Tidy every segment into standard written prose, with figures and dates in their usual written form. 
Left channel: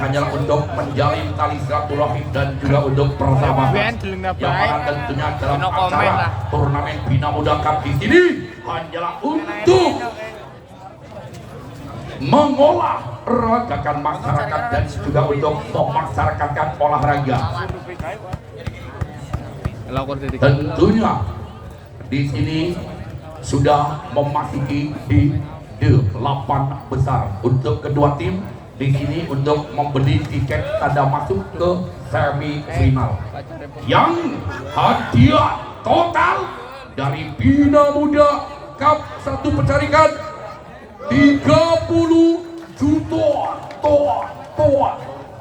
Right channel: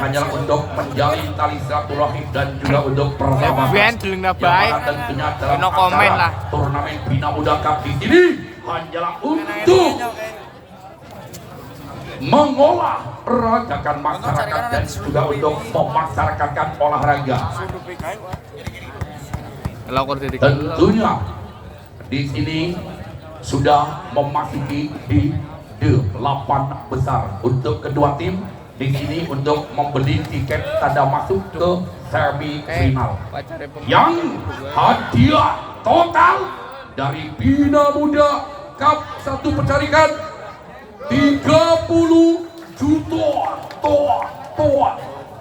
hanyalah untuk menjalin tali silaturahmi dan juga untuk persahabatan yang mana tentunya dalam acara turnamen Bina Muda Cup di sini hanyalah untuk mengolah ragakan masyarakat dan juga untuk memasyarakatkan olahraga. Tentunya di sini sudah memasuki di 8 besar untuk kedua tim. Di sini untuk membeli tiket tanda masuk ke semifinal. Yang hadiah total dari Bina Muda Cup 1 Penjaringan 30 juta toa.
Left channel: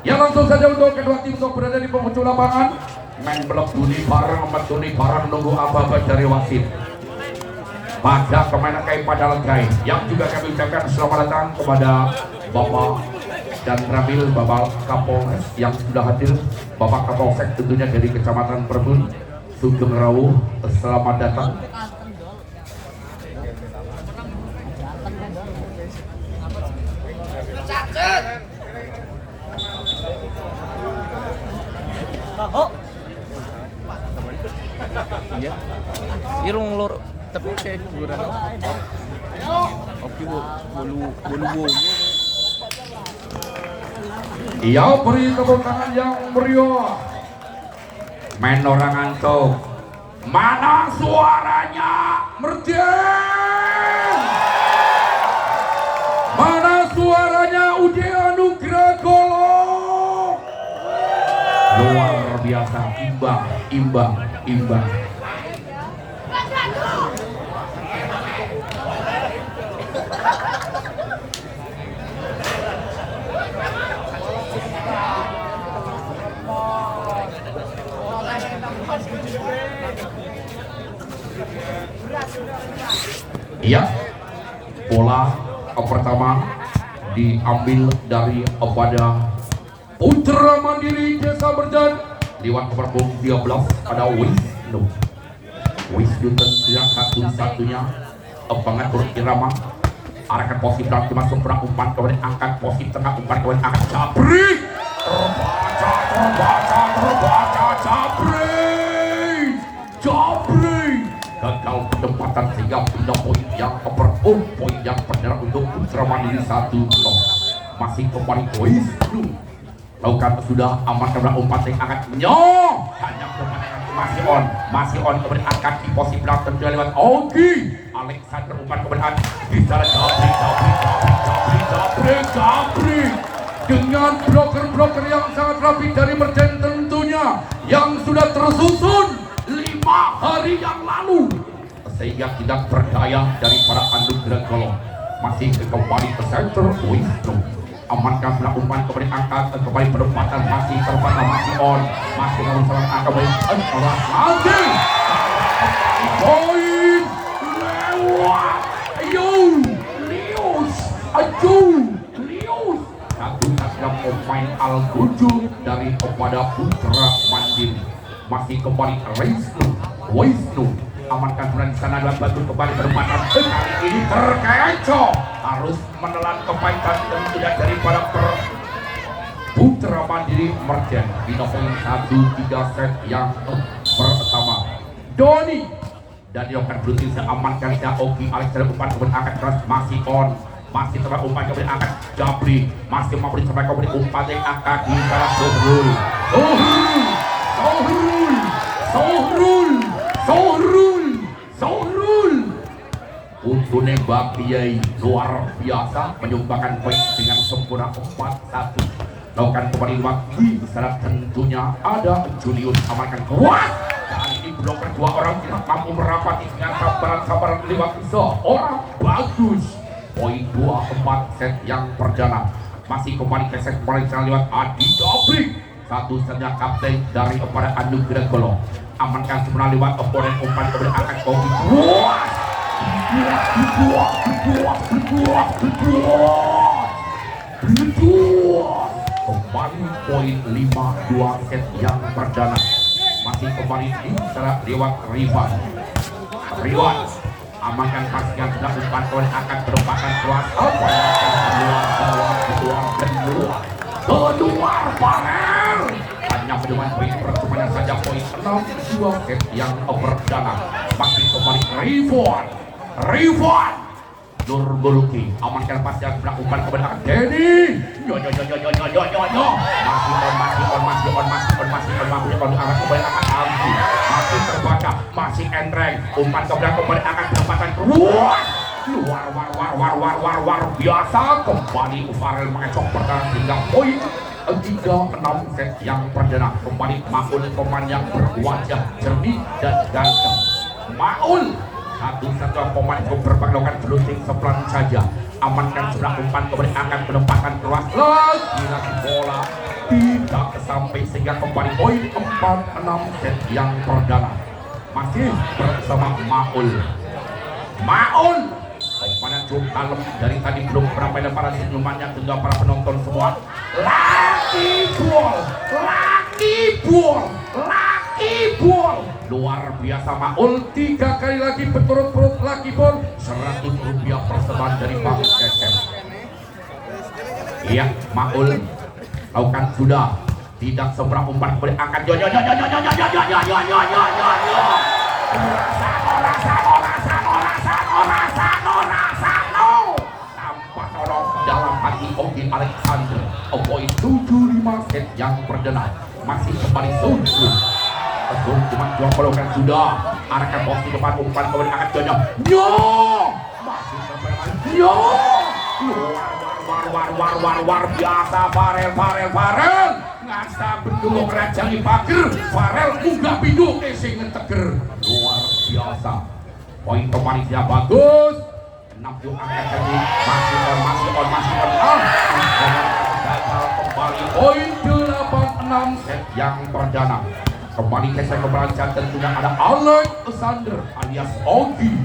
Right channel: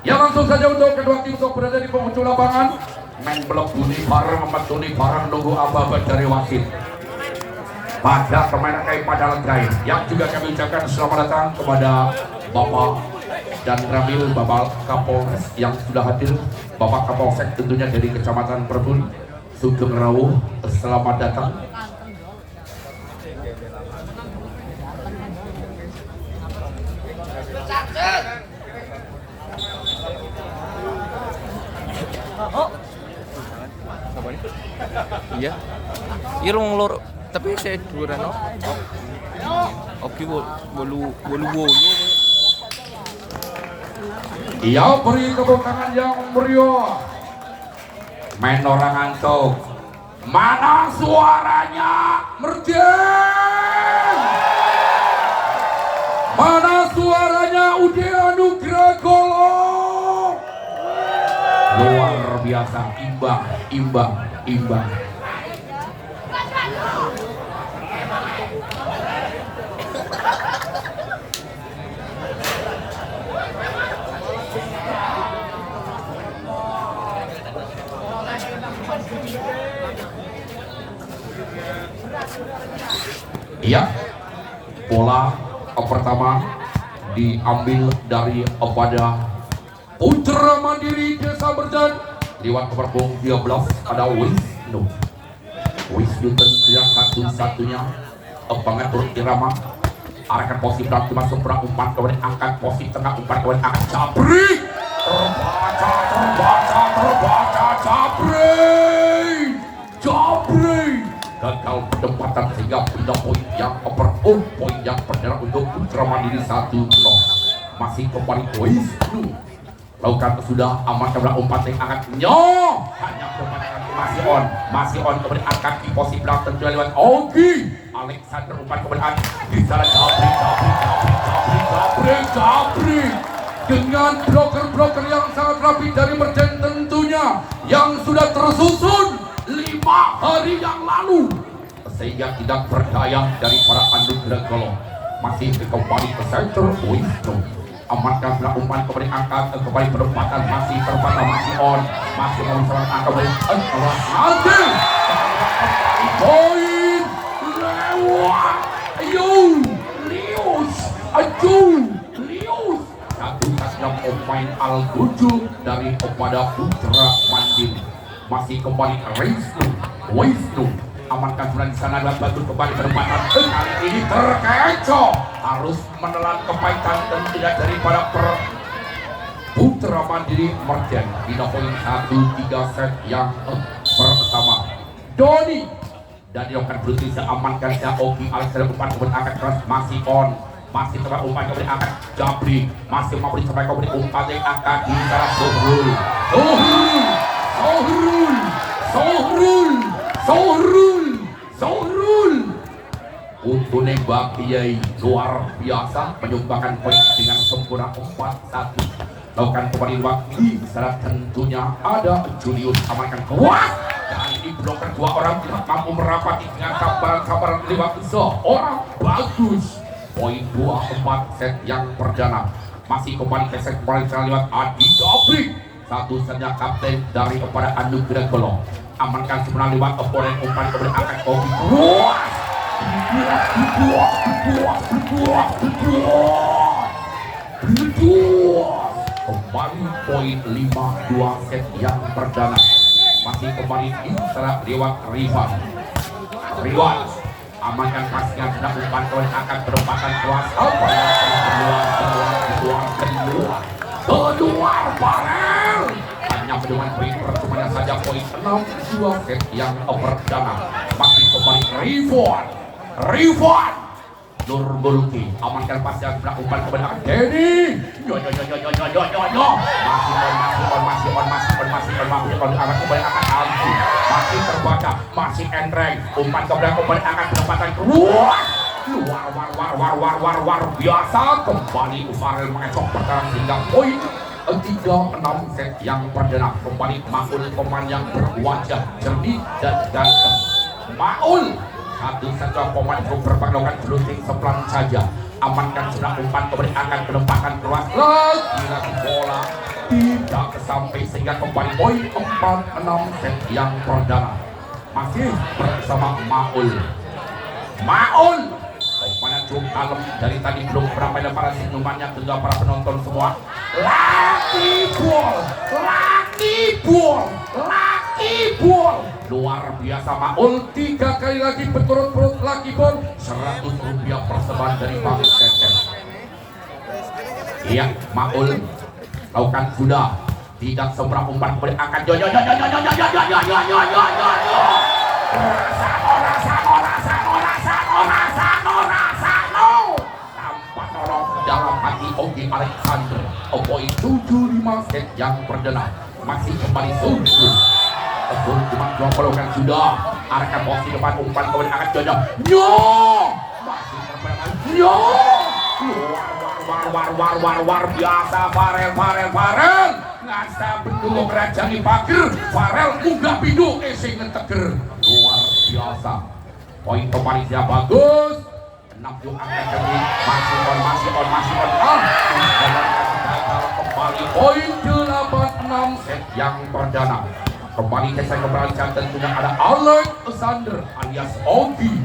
Ya langsung saja untuk kedua tim untuk berada di penghujung lapangan. Main belok duni bareng metuni bareng nunggu apa-apa dari wasit. Pada pemain kai pada legai yang juga kami ucapkan selamat datang kepada Bapak dan Ramil Bapak Kapolres yang sudah hadir, Bapak Kapolsek tentunya dari Kecamatan Perbun Sugeng Rawuh, selamat datang. Iya, irung lor, tapi saya kurang. Oke, bolu. Ia beri tepuk tangan yang meriah. Main orang ngantuk. Mana suaranya Merjen? Mana suaranya Ude Anugrah Golong? Luar biasa, imbang. Ya, bola pertama diambil dari pada Putra Mandiri Desa Merjan lewat nomor 13 pada Wisnu tentunya satu-satunya pengatur irama arahkan posisi berarti masuk perang umpan kemudian angkat posisi tengah umpan kemudian angkat Jabri terbaca Jabri gagal penempatan sehingga pindah poin yang perdana untuk Putra Mandiri 1-0. Masih kembali Wisnu lakukan sudah aman kemudian umpan yang angkat hanya berpandangan masih on kemudian angkat di posisi belakang tentunya lewat Ogi Alexander umpan kemudian di sana Jabri dengan broker yang sangat rapi dari Merjen tentunya yang sudah tersusun 5 hari yang lalu sehingga tidak berdaya dari para Anugrah Golong. Masih kembali ke center Wisnu amankan sebelah umpan kembali angkat kembali penempatan masih terbatas masih memasukkan angka kembali lagi poin lewat Lius satu-satunya pemain Al-Guju dari kepada Putra Mandiri. Masih kembali Wisnu amankan sebelah di sana adalah bagus kembali penempatan kali ini terkecoh harus menelan kebaikan dan tidak daripada Putra Mandiri Merjen di poin 1-3 set yang pertama. Doni dan dilakukan berusaha amankan Ogi Alexander umpan kemudian angkat keras masih terbaik umpan kemudian angkat Jabri masih memberi terbaik kemudian umpan yang angkat di sana Sohrul untuk nembak Kiai luar biasa menyumbangkan poin dengan sempurna 4-1. Lakukan kembali waktu secara tentunya ada Julius amankan kuat dan ini bloker 2 orang tidak mampu merapati dengan sabaran lewat seorang bagus. Poin 2-4 set yang perdana masih kembali ke set lewat Adi Dobrik satu-satunya kapten dari kepada Anugrah Golong amankan sebenarnya lewat oponen umpan kemudian akan Ogi kembali poin 5-2 set yang perdana masih kembali di serat lewat Rivan amankan pasnya sudah umpan kemudian akan berempatan kuasa apa yang kedua keluar Farel. Hanya mendengar poin percumanya saja, poin 6-2 set yang perdana. Masih kembali Rifwan Nurgoluki amankan pas yang melakukan kebenaran Denny. Masih on akan kembali akan Aldi. Masih terbaca, masih Endreng. Umpan kebenaran kembali akan penempatan keluar. Luar biasa kembali Farel mengecok pertahanan hingga poin 3-6 set yang perdana. Kembali Maul pemain yang berwajah jernih dan ganteng. Maul satu-satu pemain itu berpangdokan jeluting sepelan saja. Amankan sudah umpan kembali akan penempatan keras lagi bola tidak sampai sehingga kembali poin 4-6 set yang perdana. Masih bersama Maul mana cukup kalem dari tadi belum berapa lemparan senyumannya ke para penonton semua. Lucky ball luar biasa Maul 3 kali lagi berturut-turut lucky ball. 100 rupiah persembahan dari Bang Cecep. Lihat Maul lakukan sudah tidak seberang umpan kembali akan tanpa tolong dalam hati Ogi Alexander. Poin 7-5 set yang perdana. Masih kembali Sunsun. Betul cuma 20 kan sudah. Arahkan posisi depan umpan kembali akan Jojo. Masih kembali luar biasa Farel ngasa bendung raja di pager. Farel unggah bidung isi ngeteger luar biasa. Poin pemanisnya bagus. 6 akan lagi masih on gagal kembali poin 8-6 set yang perdana. Kembali saya keberangkatan tentunya ada Alexander alias Ogi.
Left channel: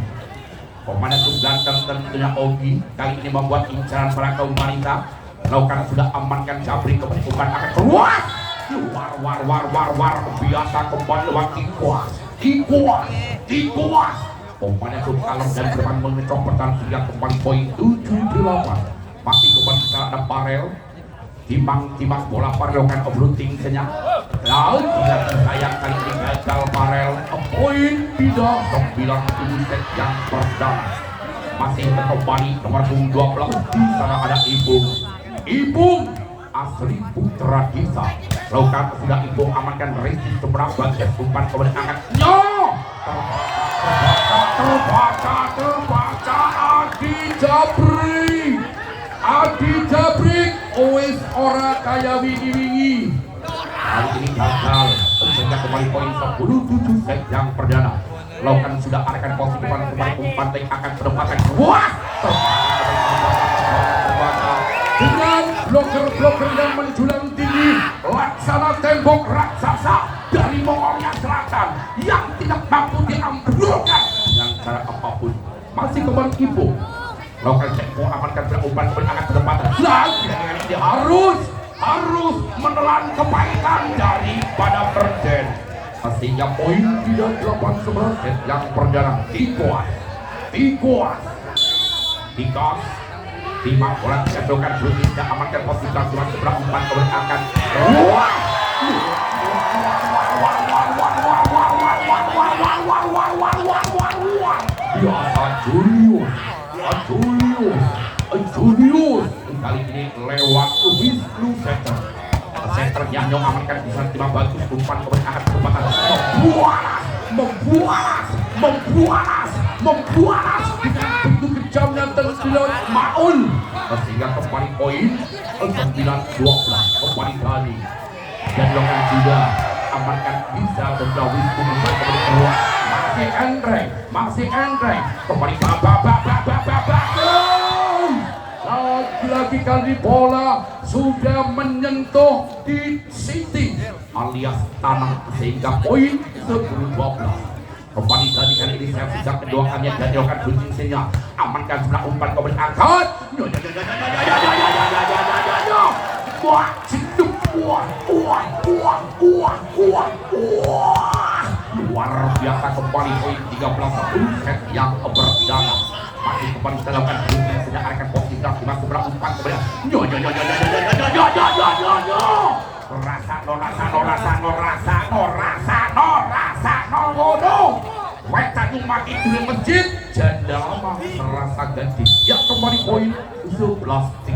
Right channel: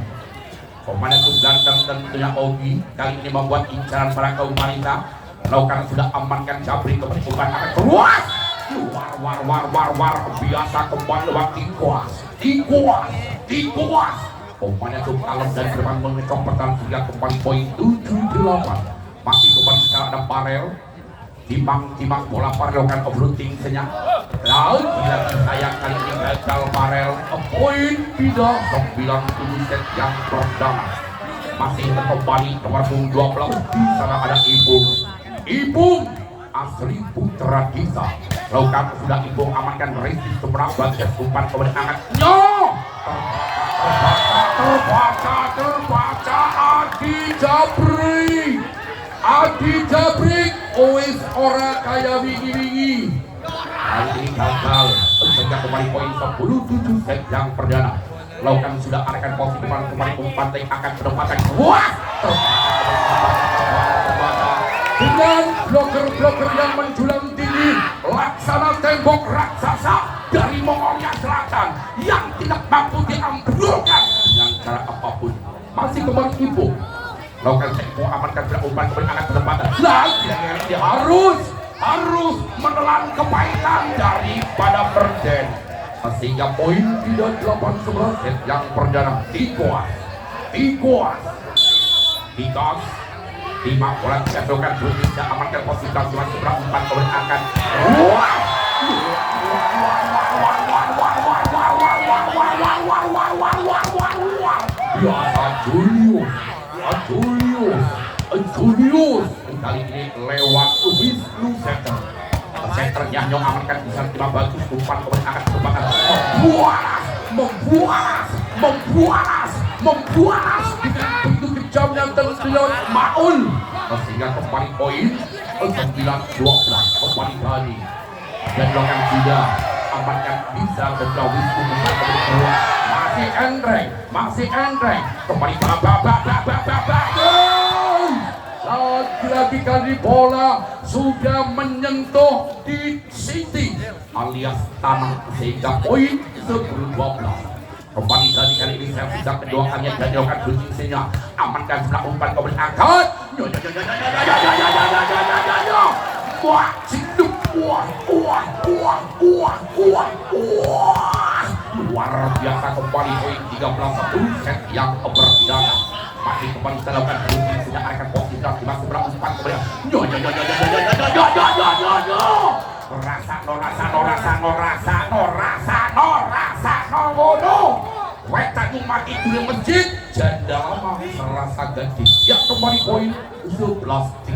Pemain yang ganteng tentunya Ogi kali ini membuat incaran para kaum wanita. Lakukan sudah amankan Jabri kebentukan akan keluar. Luar biasa kembali lewat Tikuas. Pemain yang cukup kalem dan bermain mengecok pertahanan hingga kembali poin 7-8. Masih kembali kita ada Farel. Timang bola Farel lakukan overlooting senyap. Lalu tidak disayangkan ini gagal Farel. Poin 3-9 set yang perdana. Masih kembali nomor 12 di sana ada Ibung asli Putra Kisa. Lakukan sudah Ibung amankan Rizky seberang bagian umpan kembali angkat. Terbaca Adi Jabrik ois ora kaya wingi. Kali ini gagal sehingga kembali poin 10-7 set yang perdana. Lakukan sudah arahkan posisi depan kembali umpan akan penempatan kuat. Terbaca dengan bloker yang menjulang tinggi laksana tembok raksasa dari Mongolia Selatan yang tidak mampu diambrulkan dengan cara apapun. Masih kembali Ibu lakukan tempo amankan umpan kembali akan penempatan lagi harus menelan kepahitan daripada Perden sehingga poin 3-8-11 set yang perdana. Tikuas Timang bola diajukan berikutnya amankan posisi transiman seberang umpan kembali akan biasa Julius kali ini lewat Wisnu Center yang amankan bisa tiba bagus umpan kembali akan kesempatan membualas dengan bentuk kejamnya tentunya Maul sehingga kembali poin 9-12 kembali kali dan lakukan juga amankan bisa dan Wisnu kembali keluar. Masih Andre kembali lagi kali bola sudah menyentuh di City alias tanah sehingga poin 10-12 kembali kali ini saya sudah mendoakannya dan doakan bunyinya amankan sebelah umpan kembali angkat luar biasa kembali poin 13-10 set yang perdana. masih kembali dilakukan booking sedang akan posisi dalam masih berumpan kemudian Wetan umat itu yang masjid janda lama serasa ganti ya kembali poin 11-13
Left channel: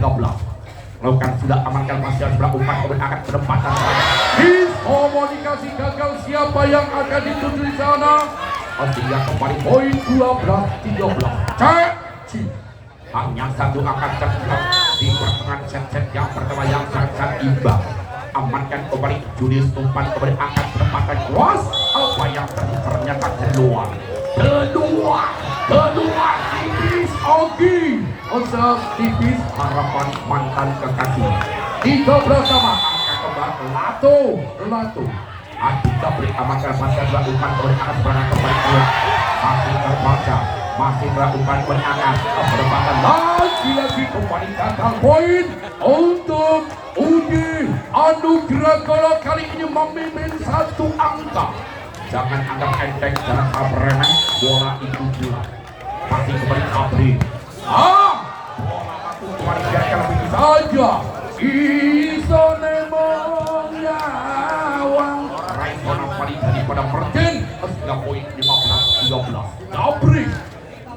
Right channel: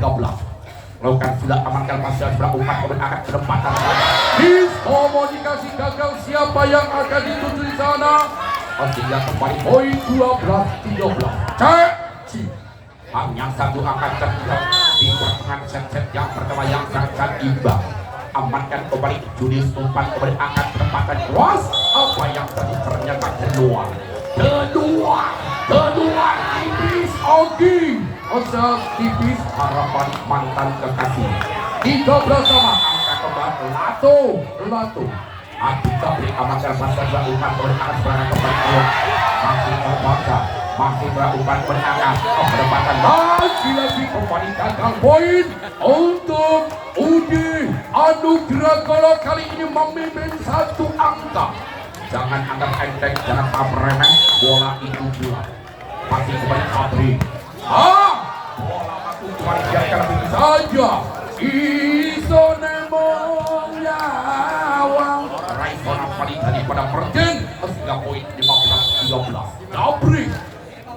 lakukan sudah amankan pasien sebelah umpan kemudian akan penempatan saja miskomunikasi gagal siapa yang akan dituju di sana Asia kembali poin 12-13 cek hanya satu akan tertinggal di pertengahan set-set yang pertama yang sangat imbang amankan kembali Judis umpan kembali akan penempatan kuas apa yang terjadi ternyata keluar tipis Ogi asal tipis harapan mantan kekasih 13 sama angka kembali Lato Adika beri amankan pasal sebelah umpan kembali akan serangan kembali keluar masih melakukan penangan penempatan lagi kembali gagal poin untuk Ugi Anugerah Golo kali ini memimpin satu angka jangan anggap enteng jangan remeh bola itu pula masih kembali Abri bola masuk kembali biarkan begitu saja Isonemo nyawang Raifona paling tadi pada perjen sehingga poin 15-13 Abri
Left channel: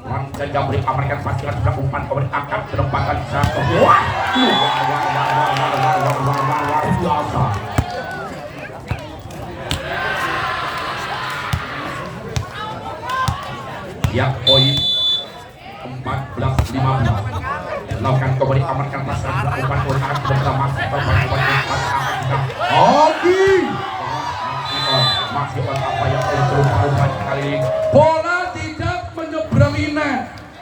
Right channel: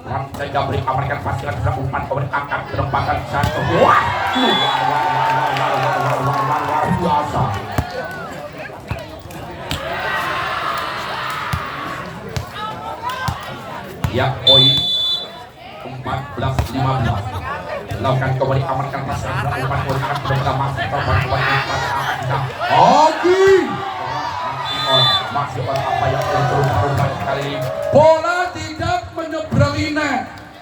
Rancang Jabri Amerikan pastikan sudah umpan kemudian akan penempatan satu luar biasa yang poin 14-15 lakukan kembali Amerikan pastikan sudah umpan kemudian akan penempatan masih terbang kembali umpan akan kita masih on apa yang berupa kali ini bola tidak menyeberangi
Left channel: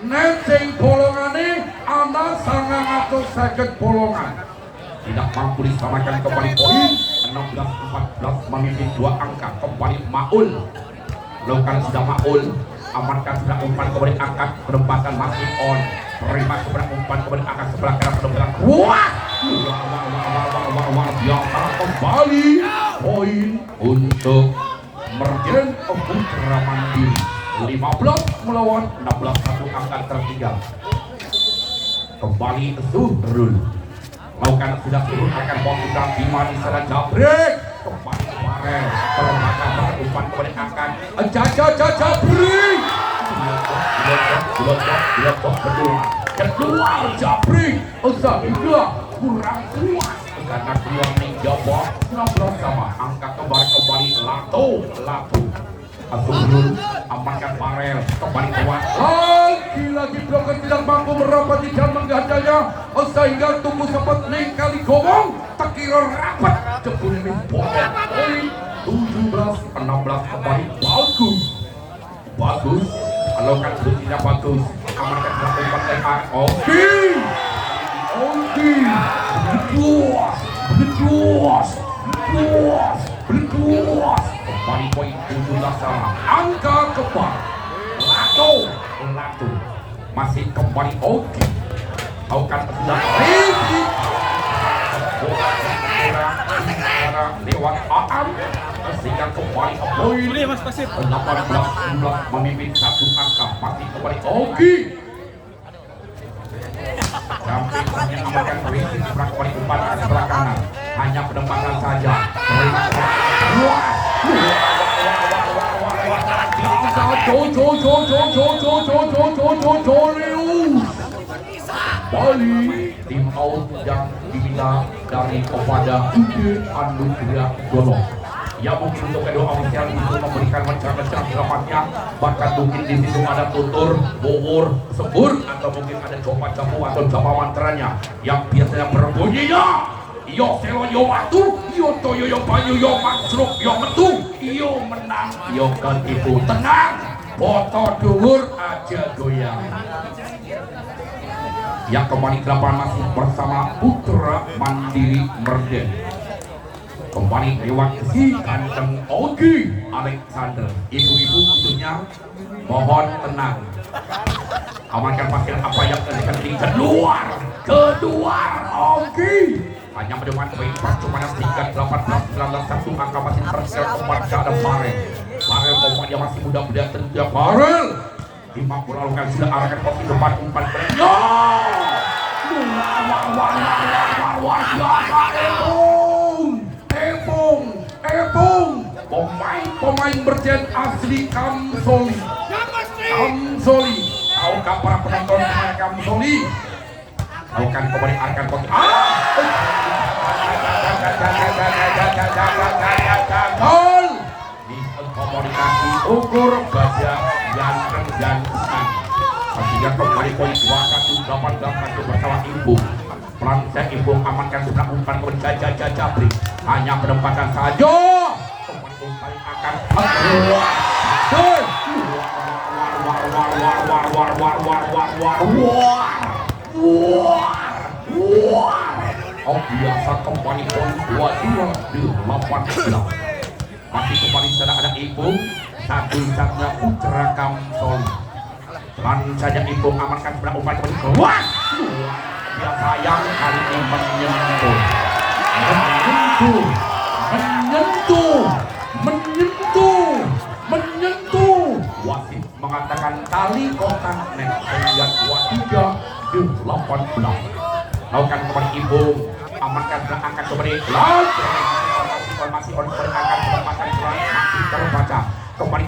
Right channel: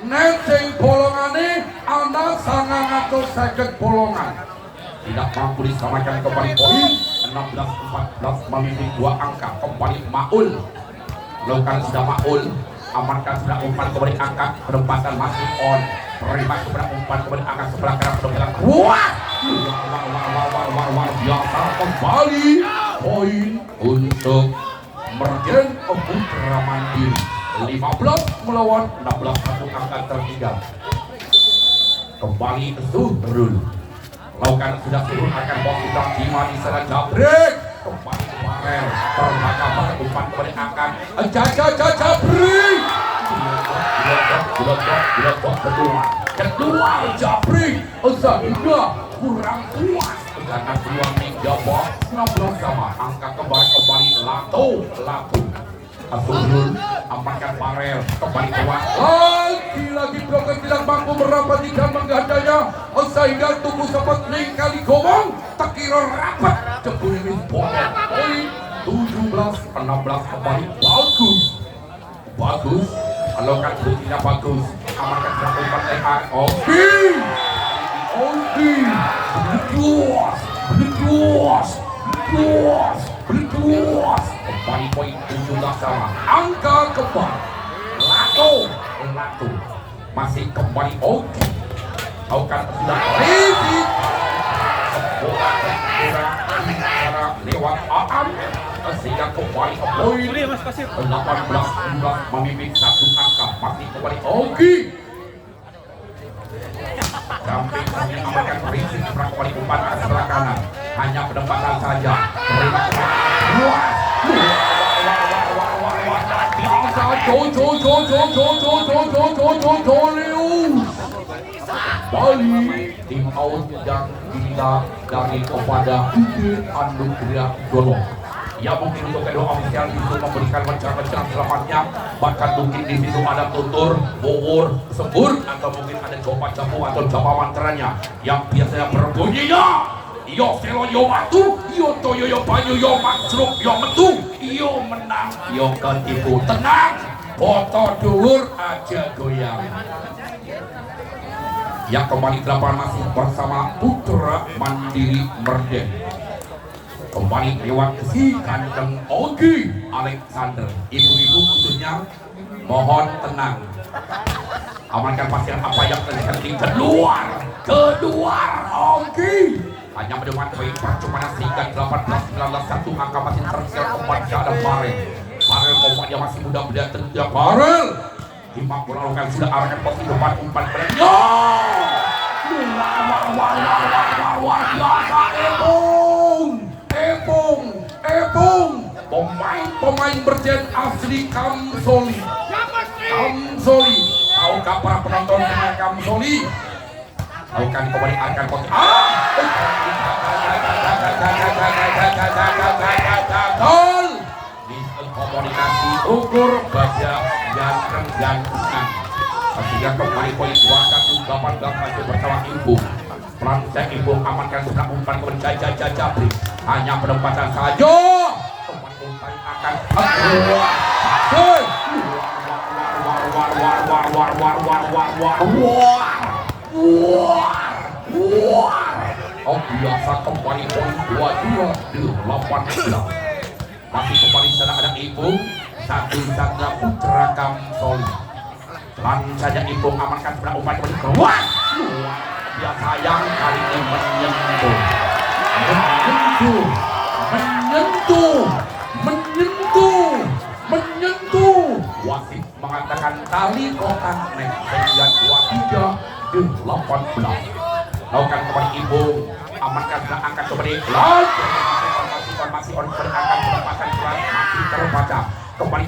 net sing bolongane ana 900 second bolongan tidak mampu diselamatkan kembali poin 16-14 memimpin dua angka kembali Maul lakukan sudah Maul amankan sudah umpan kembali angkat penempatan masih on terima sebelah umpan kembali angkat sebelah kanan penempatan kuat biasa kembali poin untuk Mergen Putra Mandiri 15 melawan 16 satu angka tertinggal kembali Zuhrul lakukan sudah turun akan posisi Bima di sana Jabrik kembali Farel terbaca pada umpan kembali akan Jabrik kedua Jabrik Zahida kurang kuat karena keluar meja box 16 sama angka kembali Lato Azurul amankan Farel kembali kuat lagi Broker tidak mampu merapati dan menggandanya sehingga tubuh sempat kali gomong tak kira rapat jebul poin 17-16 kembali bagus alokkan berikutnya bagus amankan umpan TR Berjuas kembali poin 17 sama angka kembali Lato masih kembali Ogi lakukan sudah Riki bola lewat Aan sehingga kembali poin 18-19 memimpin satu angka masih kembali Ogi Jamping yang amankan Riki seberang kembali umpan sebelah kanan hanya penempatan saja terima kembali Bali tim out yang diminta dari kepada Ugi Anugerah Golo ya mungkin untuk kedua ofisial itu memberikan rencana selamatnya bahkan mungkin di situ ada tutur, bubur, sembur atau mungkin ada coba jamu atau japa mantranya yang biasanya berbunyinya yo selo yo watu, yo toyo yo banyu, yo maksruk, yo metu, yo menang, yo ketipu tenang, foto dhuwur aja goyang. Yang kembali ke lapangan masih bersama Putra Mandiri Merden. Kembali lewat si kandang Ogi Alexander. Ibu-ibu khususnya mohon tenang. Amankan pasien apa yang terjadi keluar Ogi. Hanya mendepan poin percuma sehingga 18-19 satu angka masih tersial kepada ada Farel. Farel pokoknya masih muda muda tentu Farel Lima bola lakukan sudah arahkan posisi depan umpan kepada Epung pemain berjen asli Kamsoli. Tahukah para penonton pemain Kamsoli? Lakukan kembali arahkan posisi gol di komunikasi ukur baja yang besar sehingga kembali poin 21-18 bersama Ibu Pranca Ibu amankan sebelah umpan Jabri hanya penempatan saja umpan akan biasa kembali poin 22 di 18 masih kembali sana ada Ibu satu-satunya putra Kamsoli. Pelan saja Ibu amankan sebelah umpan kembali keluar biasa yang kali ini menyentuh wasit mengatakan tali kontak sehingga 23 di 18 lakukan kembali Ibu amankan sebelah angkat kembali masih on berakan kesempatan pelan masih terbaca kembali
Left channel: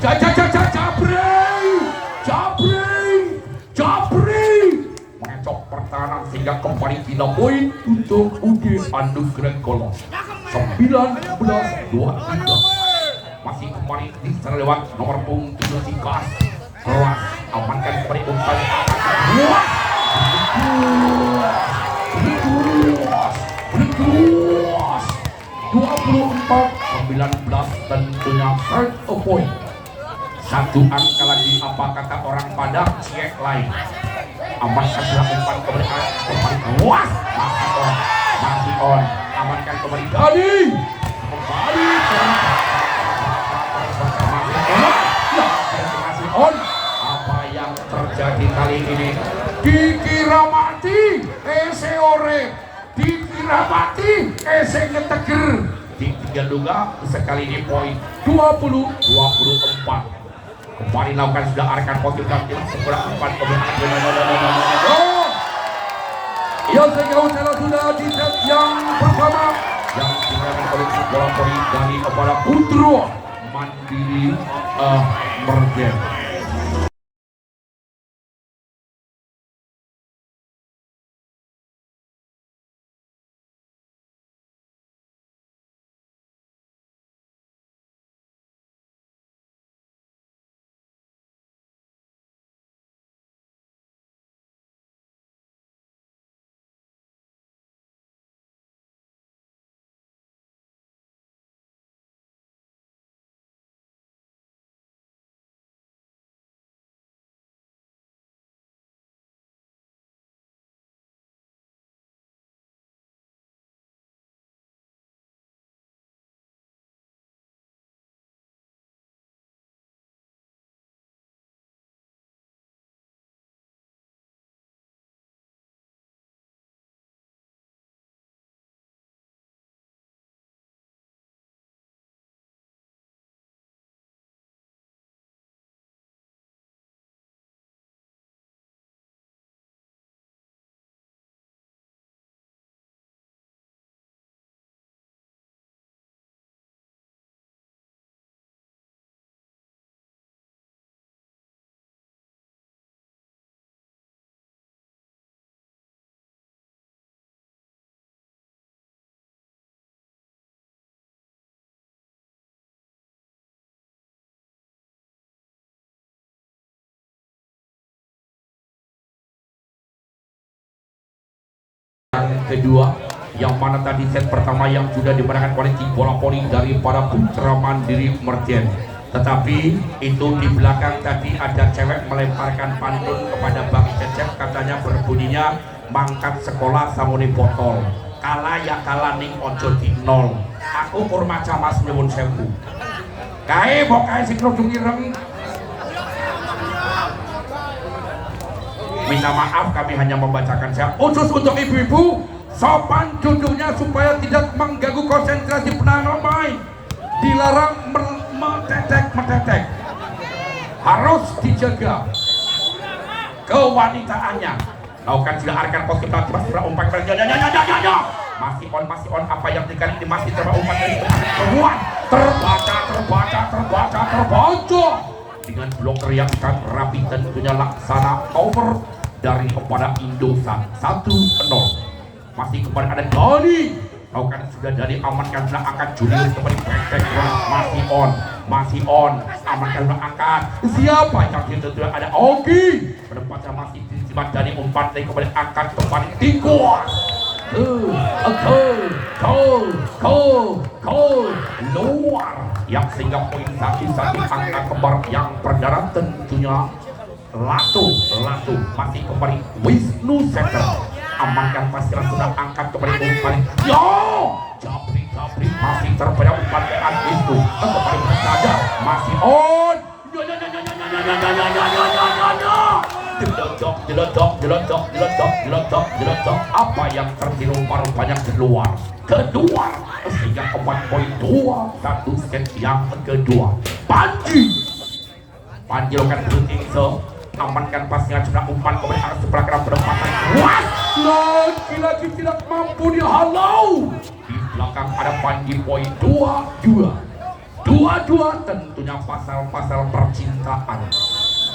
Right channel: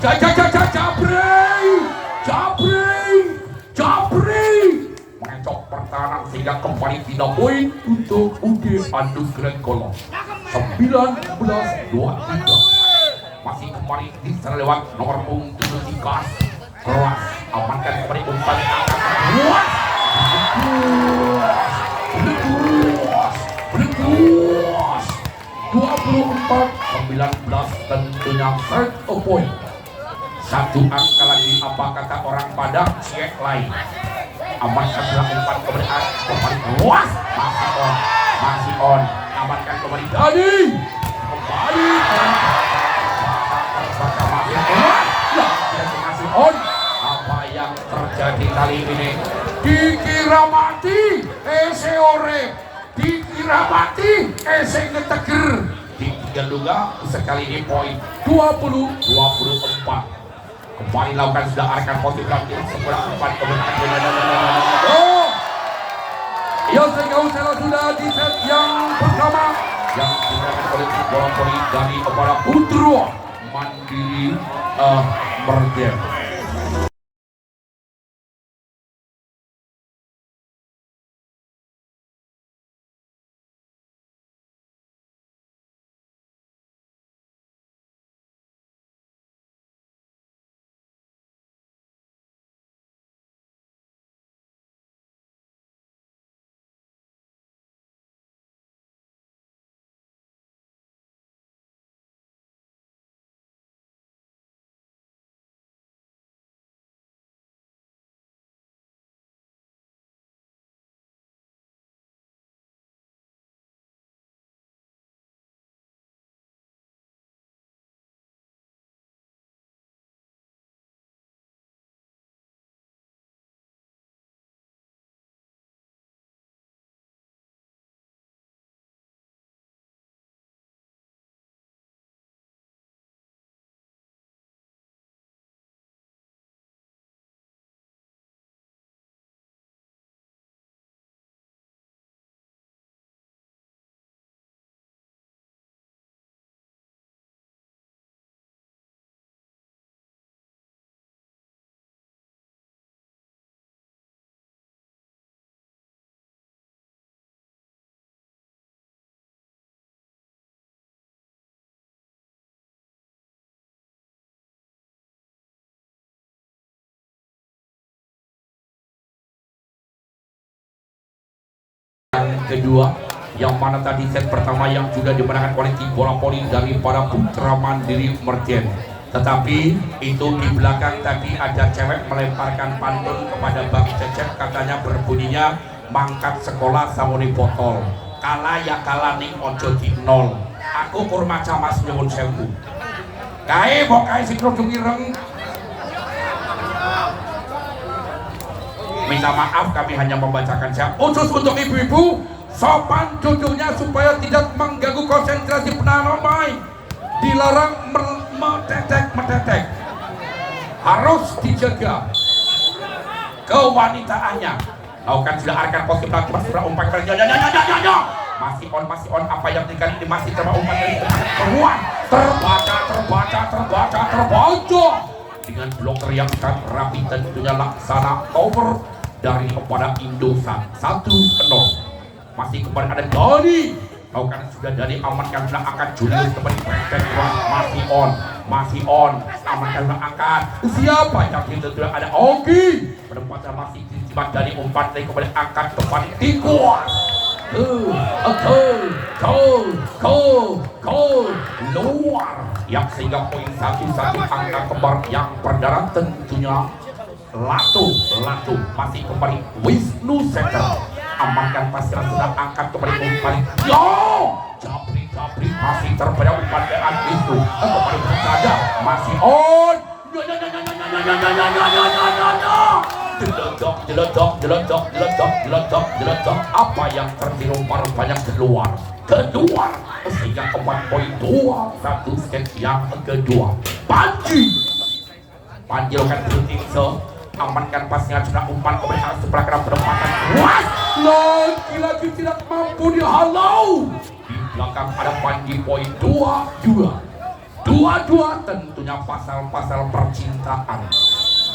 Jabri mengecok pertahanan sehingga kembali 3 poin untuk UD Anugerah Golong 19-23 masih kembali di sana lewat nomor punggung 7 kelas amankan kembali umpan luas 24-19 tentunya third point. Satu angka lagi apa kata orang Padang cek lain. Amankan sebelah umpan keberanian kembali luas masih on amankan kembali tadi terbaca masih on. Apa yang terjadi kali ini dikira mati dikira mati ngeteger ditinggal juga sekali ini poin 20-24 kembali lakukan sudah arahkan posisi kaki sebelah umpan ya sejauh sudah di set yang pertama yang diberikan oleh bola poli dari kepada Putra Mandiri Merger. Yang kedua yang mana tadi set pertama yang juga dimenangkan oleh tim bola poli dari para Putra Mandiri Merjen, tetapi itu di belakang tadi ada cewek melemparkan pantun kepada Bang Cecep, katanya berbunyinya mangkat sekolah samuni botol kalah ya kalah ning ojo di nol aku kurmaca mas nyewun sewu kae bokai sing rujung ireng. Minta maaf kami hanya membacakan saya khusus untuk ibu-ibu sopan duduknya supaya tidak mengganggu konsentrasi penanam main, dilarang metetek harus dijaga kewanitaannya. Lakukan sudah arahkan posisi belakang seberang umpan masih on apa yang dikali ini masih coba umpan dari keluar terbaca dengan bloker yang sangat rapi tentunya laksana over dari kepada Indosat 1-0. Masih kembali ada Doni. Lakukan sudah dari amankan sudah angkat Julius kembali pendek masih on amankan sudah angkat siapa yang tentunya ada Ogi penempatan masih disimpan dari umpan dari kembali angkat tepat dikuas luar yang sehingga poin 1-1 angka kembar yang berdarah tentunya Latu masih kembali Wisnu Center amankan pasiran sudah angkat kembali umpan Japri masih terbayang umpan dari Wisnu kembali bersaja masih on jeledok apa yang terdirumpar banyak keluar sehingga kembali poin 2-1 set yang kedua. Panji lakukan berhenti amankan pasnya sudah umpan kembali arah sebelah kanan penempatan lagi tidak mampu dihalau di belakang ada Panji poin 2-2 tentunya pasal-pasal percintaan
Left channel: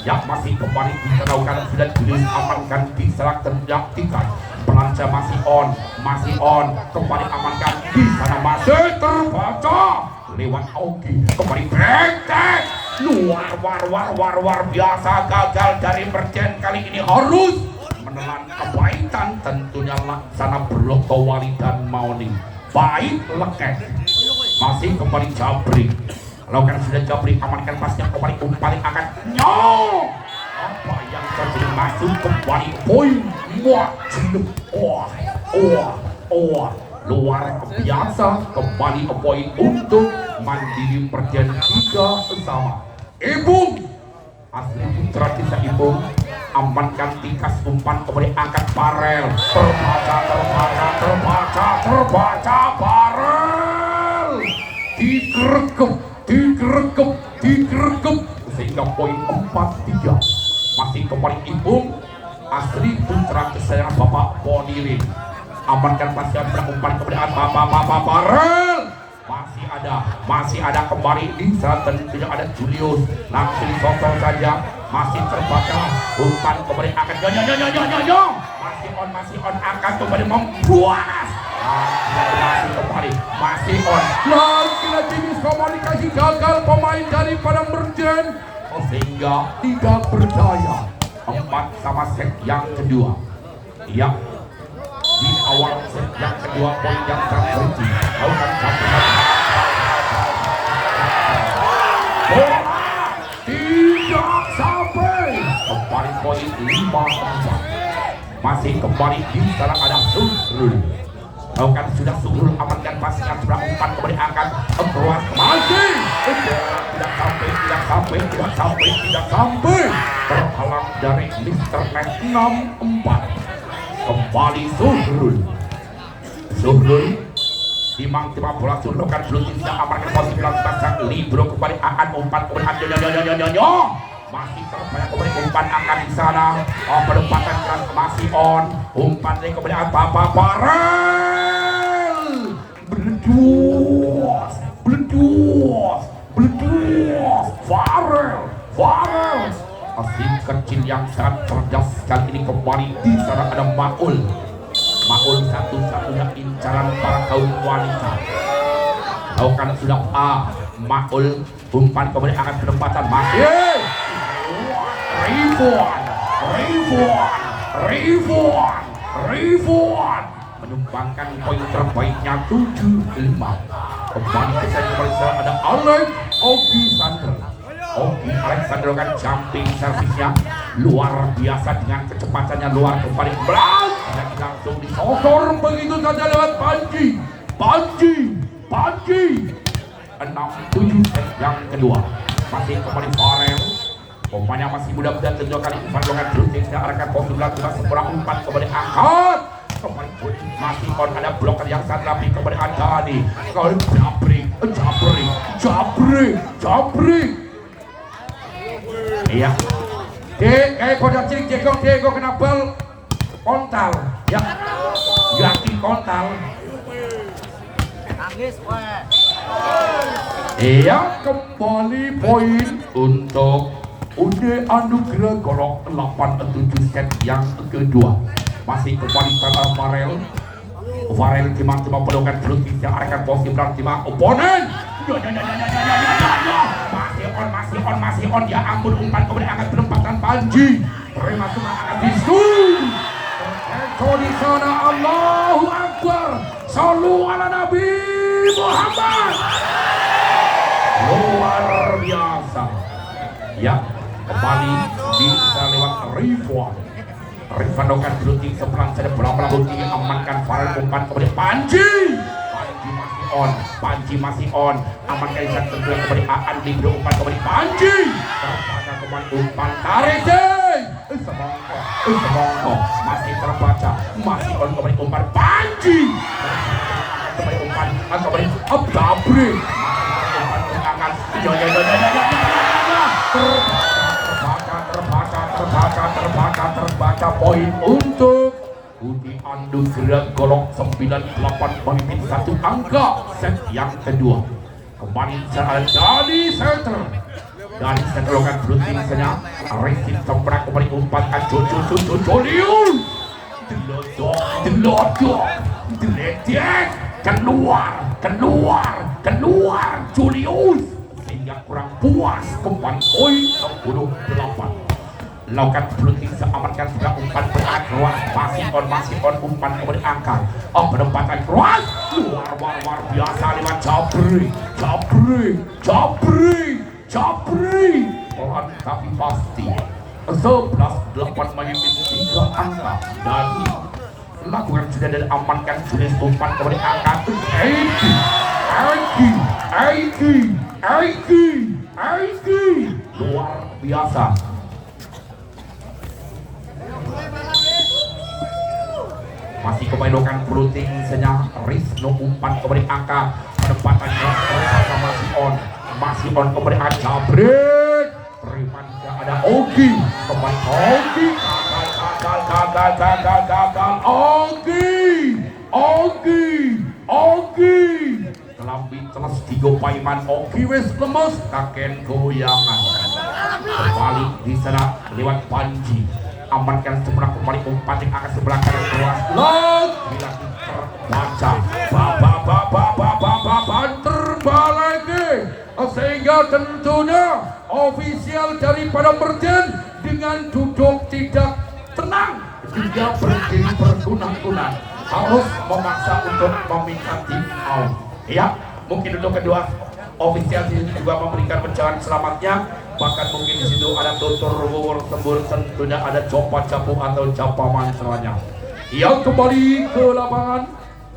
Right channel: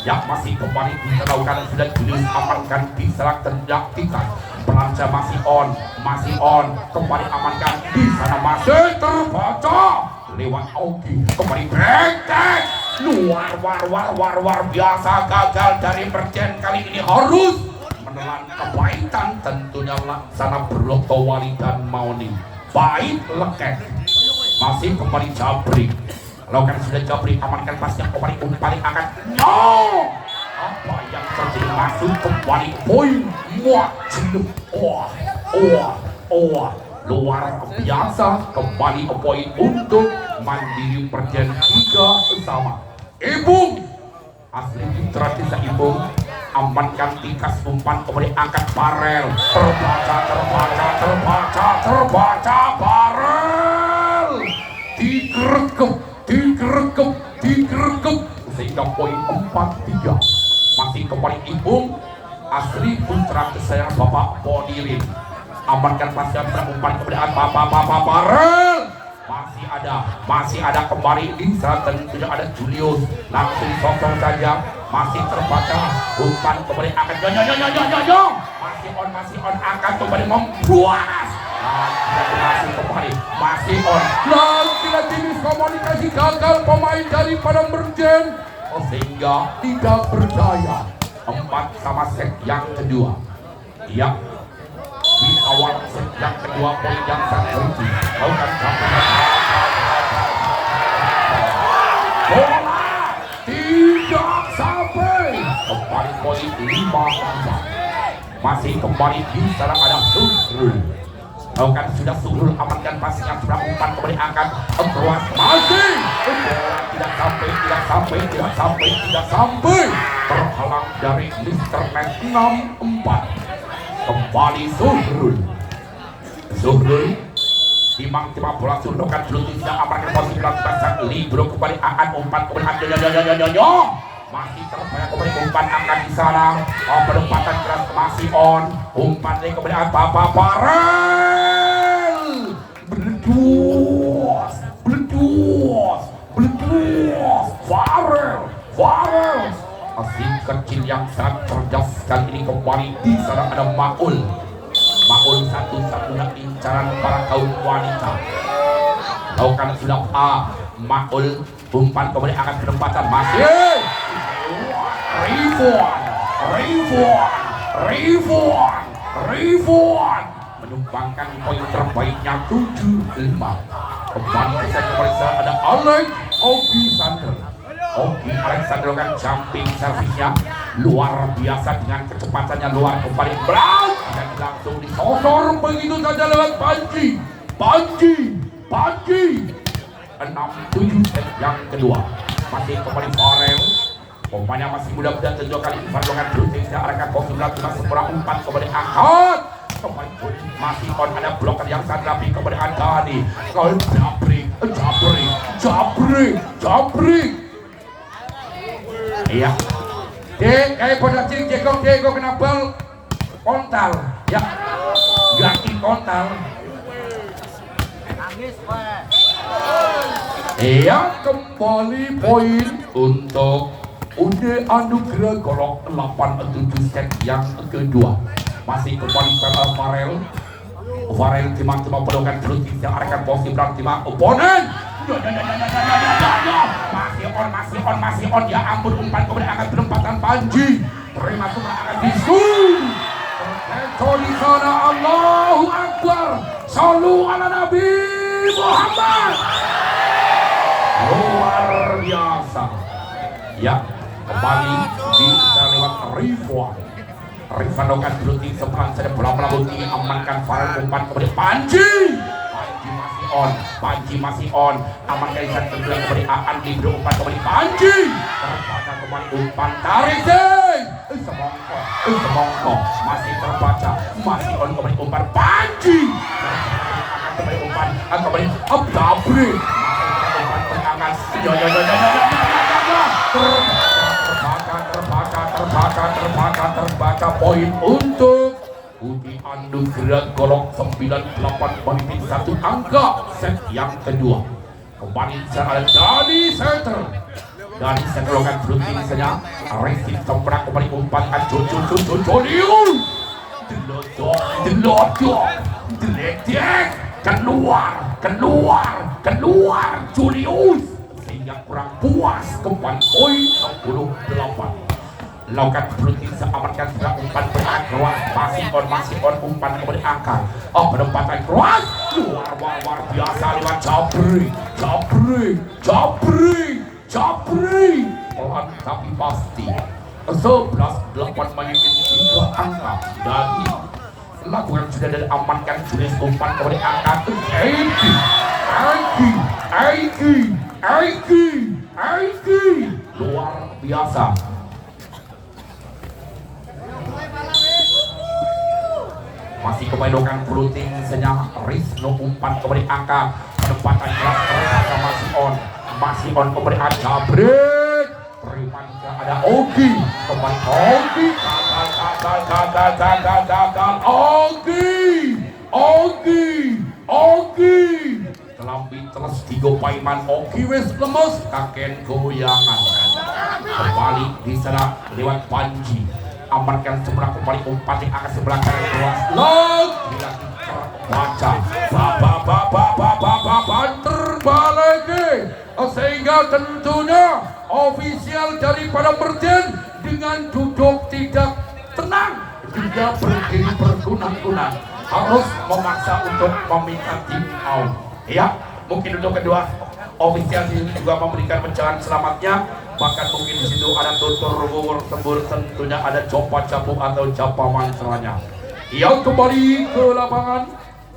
yang masih kembali dilakukan sudah diamankan diserang terjadikan pelanca masih on kembali amankan di sana masih terbaca lewat Ogi kembali break luar biasa gagal dari Berjen kali ini harus menelan kebaikan tentunya laksana Broto Wali dan Mauni baik leket masih kembali Japri lakukan sudah Japri amankan pasnya kembali umpan akan apa yang terjadi masuk kembali poin luar biasa kembali poin untuk Mandiri Perjen 3 sama Ibung asli Putra Desa Ibung amankan tikas umpan kembali angkat Barel terbaca Barel digerekep sehingga poin 4-3 masih kembali Ibung asli Putra Desa Bapak Ponirin amankan pasien berumpan kemudian Bapak Barel masih ada kembali di saat tidak ada Julius langsung sosok saja masih terbaca umpan kembali akan masih on akan kembali membuat masih on lagi komunikasi gagal pemain daripada Berjen sehingga tidak berdaya 4 set yang kedua di awal set yang kedua poin yang terkunci lakukan campuran bola tidak sampai kembali poin 5-4 masih kembali di sana ada Suhrul lakukan sudah Suhrul amankan pasnya sudah umpan kembali akan keluar masih bola tidak sampai terhalang dari Mr. Net 6-4 kembali Suhrul timang bola Suhrul kan belum bisa amankan posisi belakang libro kembali akan umpan kembali masih terbanyak kembali umpan akan di sana penempatan keras masih on umpan dari kembali Bapak Barel beledos Farel asli kecil yang sangat cerdas kali ini kembali di sana ada Maul satu-satunya incaran para kaum wanita lakukan sudah Maul umpan kembali akan penempatan masih Rifwan menumbangkan poin terbaiknya 7-5 kembali ada Alex Alexander kan jumping servisnya luar biasa dengan kecepatannya luar kembali dan langsung disosor begitu saja lewat Panji 6-7 set yang kedua masih kembali Farel pemainnya masih muda dan tunjukkan perlongan terus arahkan posisi seberang umpan kembali angkat kembali masih on ada bloker yang sangat rapi kembali Andani Japri iya Produksi Diego kena bal kontal ya, ganti kontal. Ya, kembali poin untuk UD Anugerah Golok 87 set yang kedua. Masih kembali pada Farel tiba-tiba pedokan berhenti yang akan posisi tiba oponen. Masih on ya ampun, umpan kemudian akan penempatan Panji terima semua akan bisu di sana. Allahu Akbar, sallu ala Nabi Muhammad. Luar biasa ya, kembali bisa lewat Rifan dokan berhenti seberang saja bola bunyi amankan Farel umpan kemudian Panji masih on amankan Isan tergerak kembali Andi umpan kembali Panji terbaca kembali umpan tarik semongko masih terbaca masih on kembali umpan Panji akan kembali umpan kembali Abdabri terbaca poin untuk Budi Anugerah Golok 98 menit 1 angka set yang kedua. Kembali sana dari center lokan berhenti saja Resi Semprak kembali umpan Jolius delodok deledek keluar Julius sehingga kurang puas. Kembali poin 68. Lakukan berhenti seamankan sebelah umpan berangkat keluar masih on umpan kemudian angkat penempatan keluar luar biasa luar Jabri pelan tapi pasti 11-8 menit 3 angka dari lakukan sudah dari amankan jenis umpan kemudian angkat Aiki luar biasa. Masih kembalikan floating senyap Rizno umpan kembali angkat penempatan keras ternyata masih on kembali Jabrik terima juga ada Ogi kembali Ogi Kelambi teles tiga paiman Ogi wes lemes taken goyangan kembali di sana lewat Panji amankan seberang kembali umpan yang akan sebelah kanan keluar lagi terbaca terbalik sehingga tentunya ofisial daripada Merjen dengan duduk tidak tenang juga berdiri berkunang-kunang harus memaksa untuk meminta tim out ya. Mungkin untuk kedua ofisial juga memberikan pencerahan selamatnya, bahkan mungkin di situ ada tutur ruwur sembur, tentunya ada copa capu atau capaman selanjutnya. Yang kembali ke lapangan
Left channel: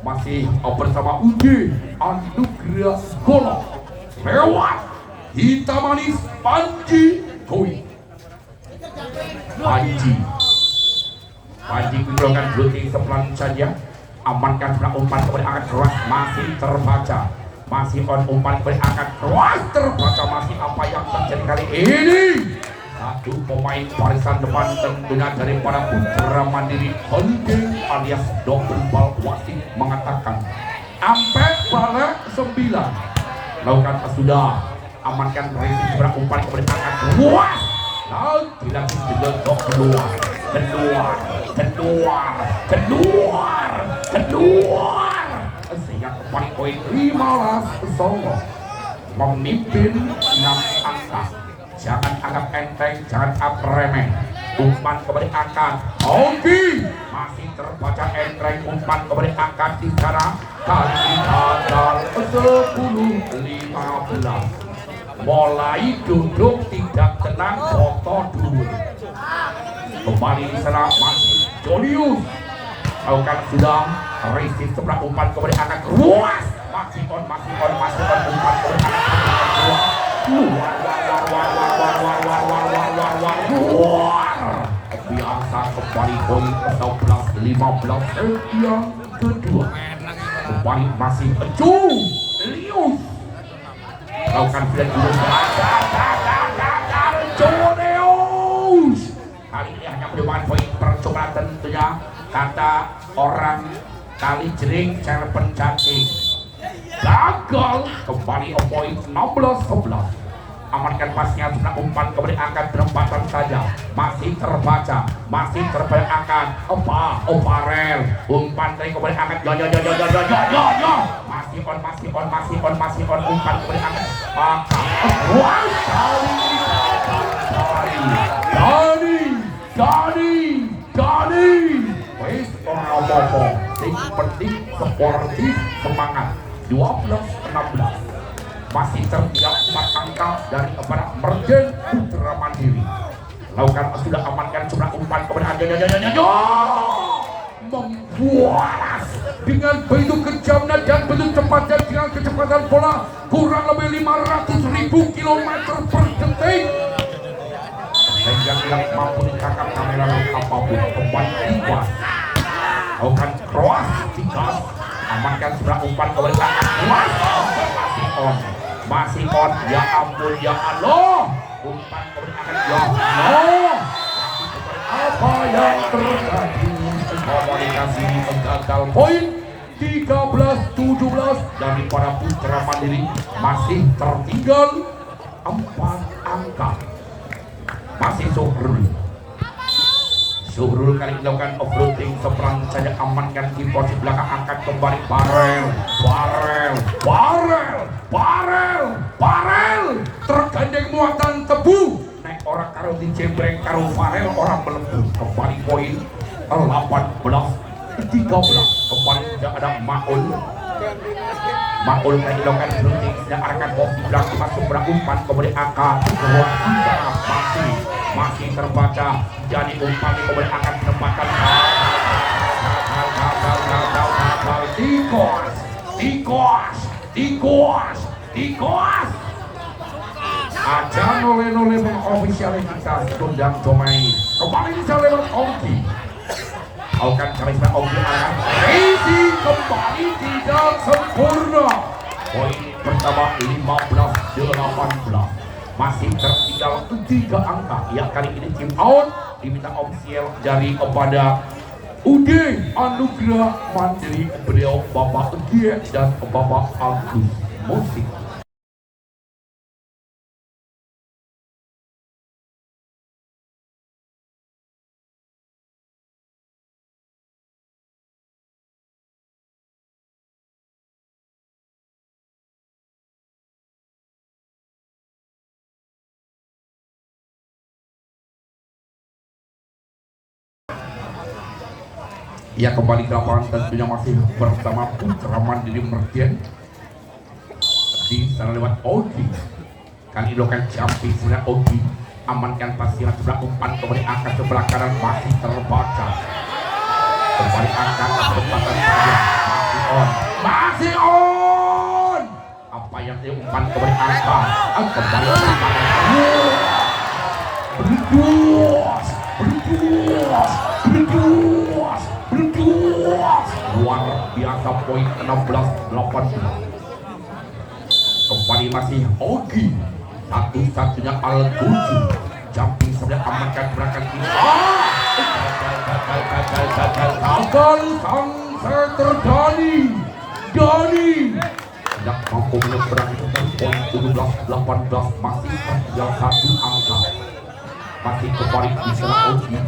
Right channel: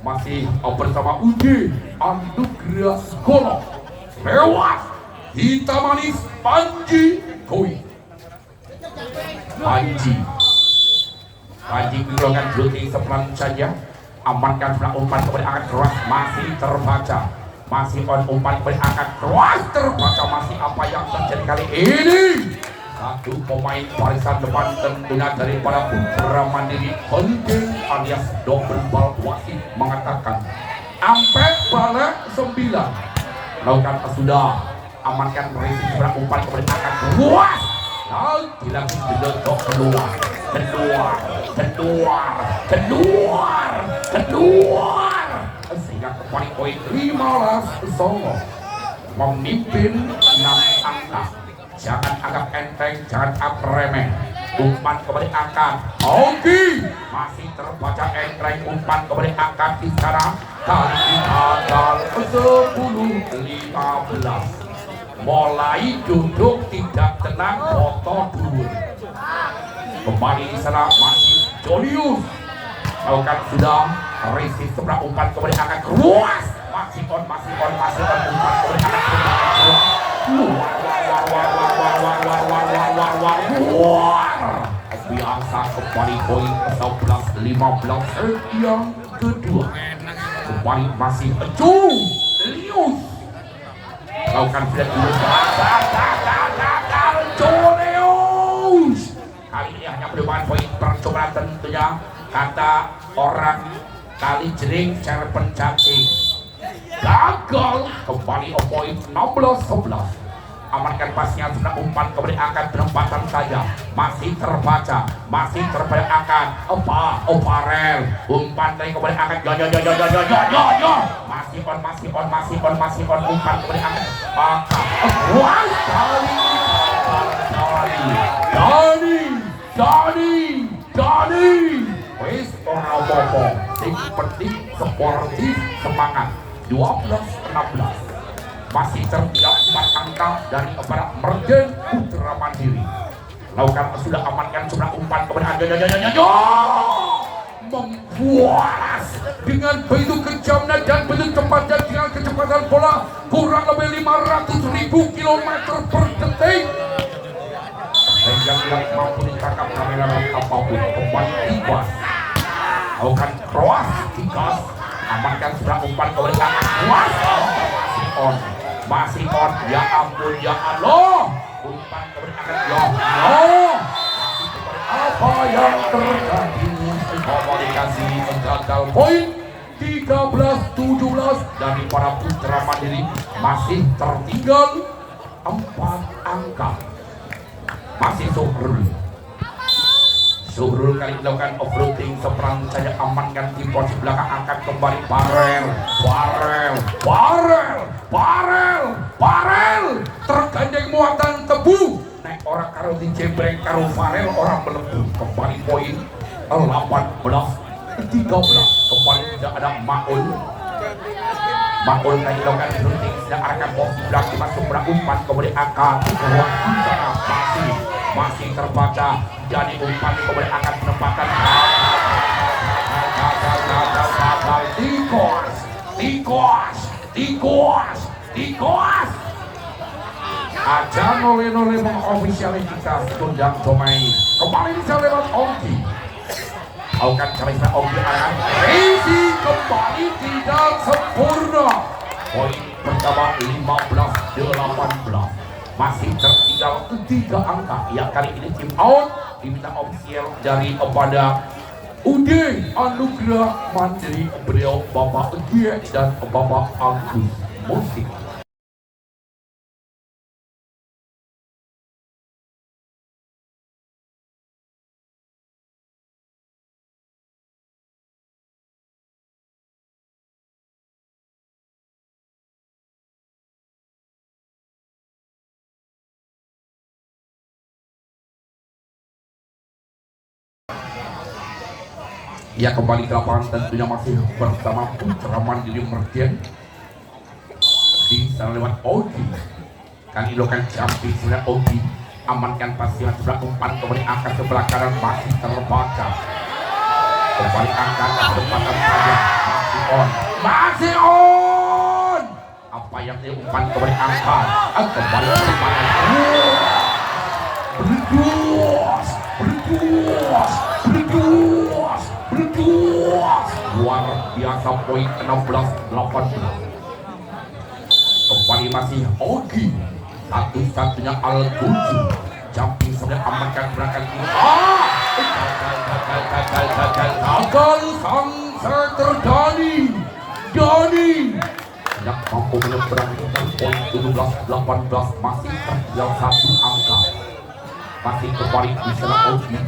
masih bersama UD Anugerah Golok lewat hitam manis Panji Koi. Panji menggunakan blocking sepelan saja, amankan sebelah umpan kemudian angkat keras masih terbaca. Masih on umpan berangkat keras terbaca masih apa yang terjadi kali ini. Satu pemain barisan depan tentunya daripada Putra Mandiri Holding alias double ball wasit mengatakan ampek balik 9. Lakukan sudah amankan berisi sebelah umpan kemudian angkat keras. Lalu lagi diledok keluar sehingga kembali poin 15 Solo memimpin 6 angka. Jangan anggap enteng, jangan anggap remeh. Umpan kembali angkat Ogi masih terbaca enteng, umpan kembali angkat di sana kali gagal 10-15. Mulai duduk tidak tenang, foto dulu. Kembali di sana masih Jolius. Lakukan sudah Resi sebelah umpan kembali akan keluas masih on umpan kembali akan keluas luar biasa. Kembali poin 11-15 yang kedua. Kembali masih Julius. Lakukan flag Julius kata orang kali jering cerpen cacing gagal. Kembali poin 16-11. Amankan pasnya sudah umpan kembali angkat perempatan saja, masih terbaca angkat Farel umpan dari kembali angkat masih on umpan kembali angkat Dani wis ora apa-apa sing penting sportif semangat. 12-16 masih tertinggal 4 angka dari kepada Merjen Putra Mandiri. Lakukan sudah amankan sebelah umpan kepada membualas dengan begitu kejamnya dan begitu cepatnya dengan kecepatan bola kurang lebih 500.000 km per detik dan yang tidak mampu ditangkap kameramen apapun. Kembali Tikas lakukan cross Tikas amankan sebelah umpan kepada angkat kuas masih on ya ampun ya Allah umpan kepada angkat apa yang terjadi komunikasi gagal poin 13-17 dari para Putra Mandiri masih tertinggal 4 angka. Masih Zuhrul kali melakukan offroading seberang saya amankan di posisi belakang angkat kembali Farel tergandeng muatan tebu naik orang karo di jembreng karo Farel orang melengkung. Kembali poin 18-13 kembali tidak ada Maul tadi melakukan offroading sedang arahkan posisi belakang masuk umpan kembali angkat masih terbaca jadi umpan kembali akan penempatan Tikas aja nole mengofisialitas tundang domain kembali bisa lewat Ogi akan cerita Ogi akan Rezi kembali tidak sempurna. Poin pertama 15-18 masih tertinggal 3 angka. Ya kali ini tim out diminta ofisial dari kepada UD Anugerah Mandiri beliau Bapak Gie dan Bapak Agus Musik. Ya kembali ke lapangan tentunya masih bersama Putra Mandiri Merdian di sana lewat Ogi. Kali dilakukan jumping sebelah Ogi amankan pasiran sebelah umpan kembali angkat sebelah kanan masih terbaca. Kembali angkat kesempatan saja masih on. Apa yang diumpan kembali angkat kembali umpan luar biasa poin 16-18. Kembali masih Ogi satu-satunya Al-Guji jumping sebelah amankan berangkat gagal Sanser terjadi Dani tidak mampu menyeberang poin 17-18 masih tertinggal 1 angka. Masih kembali di sana Ogi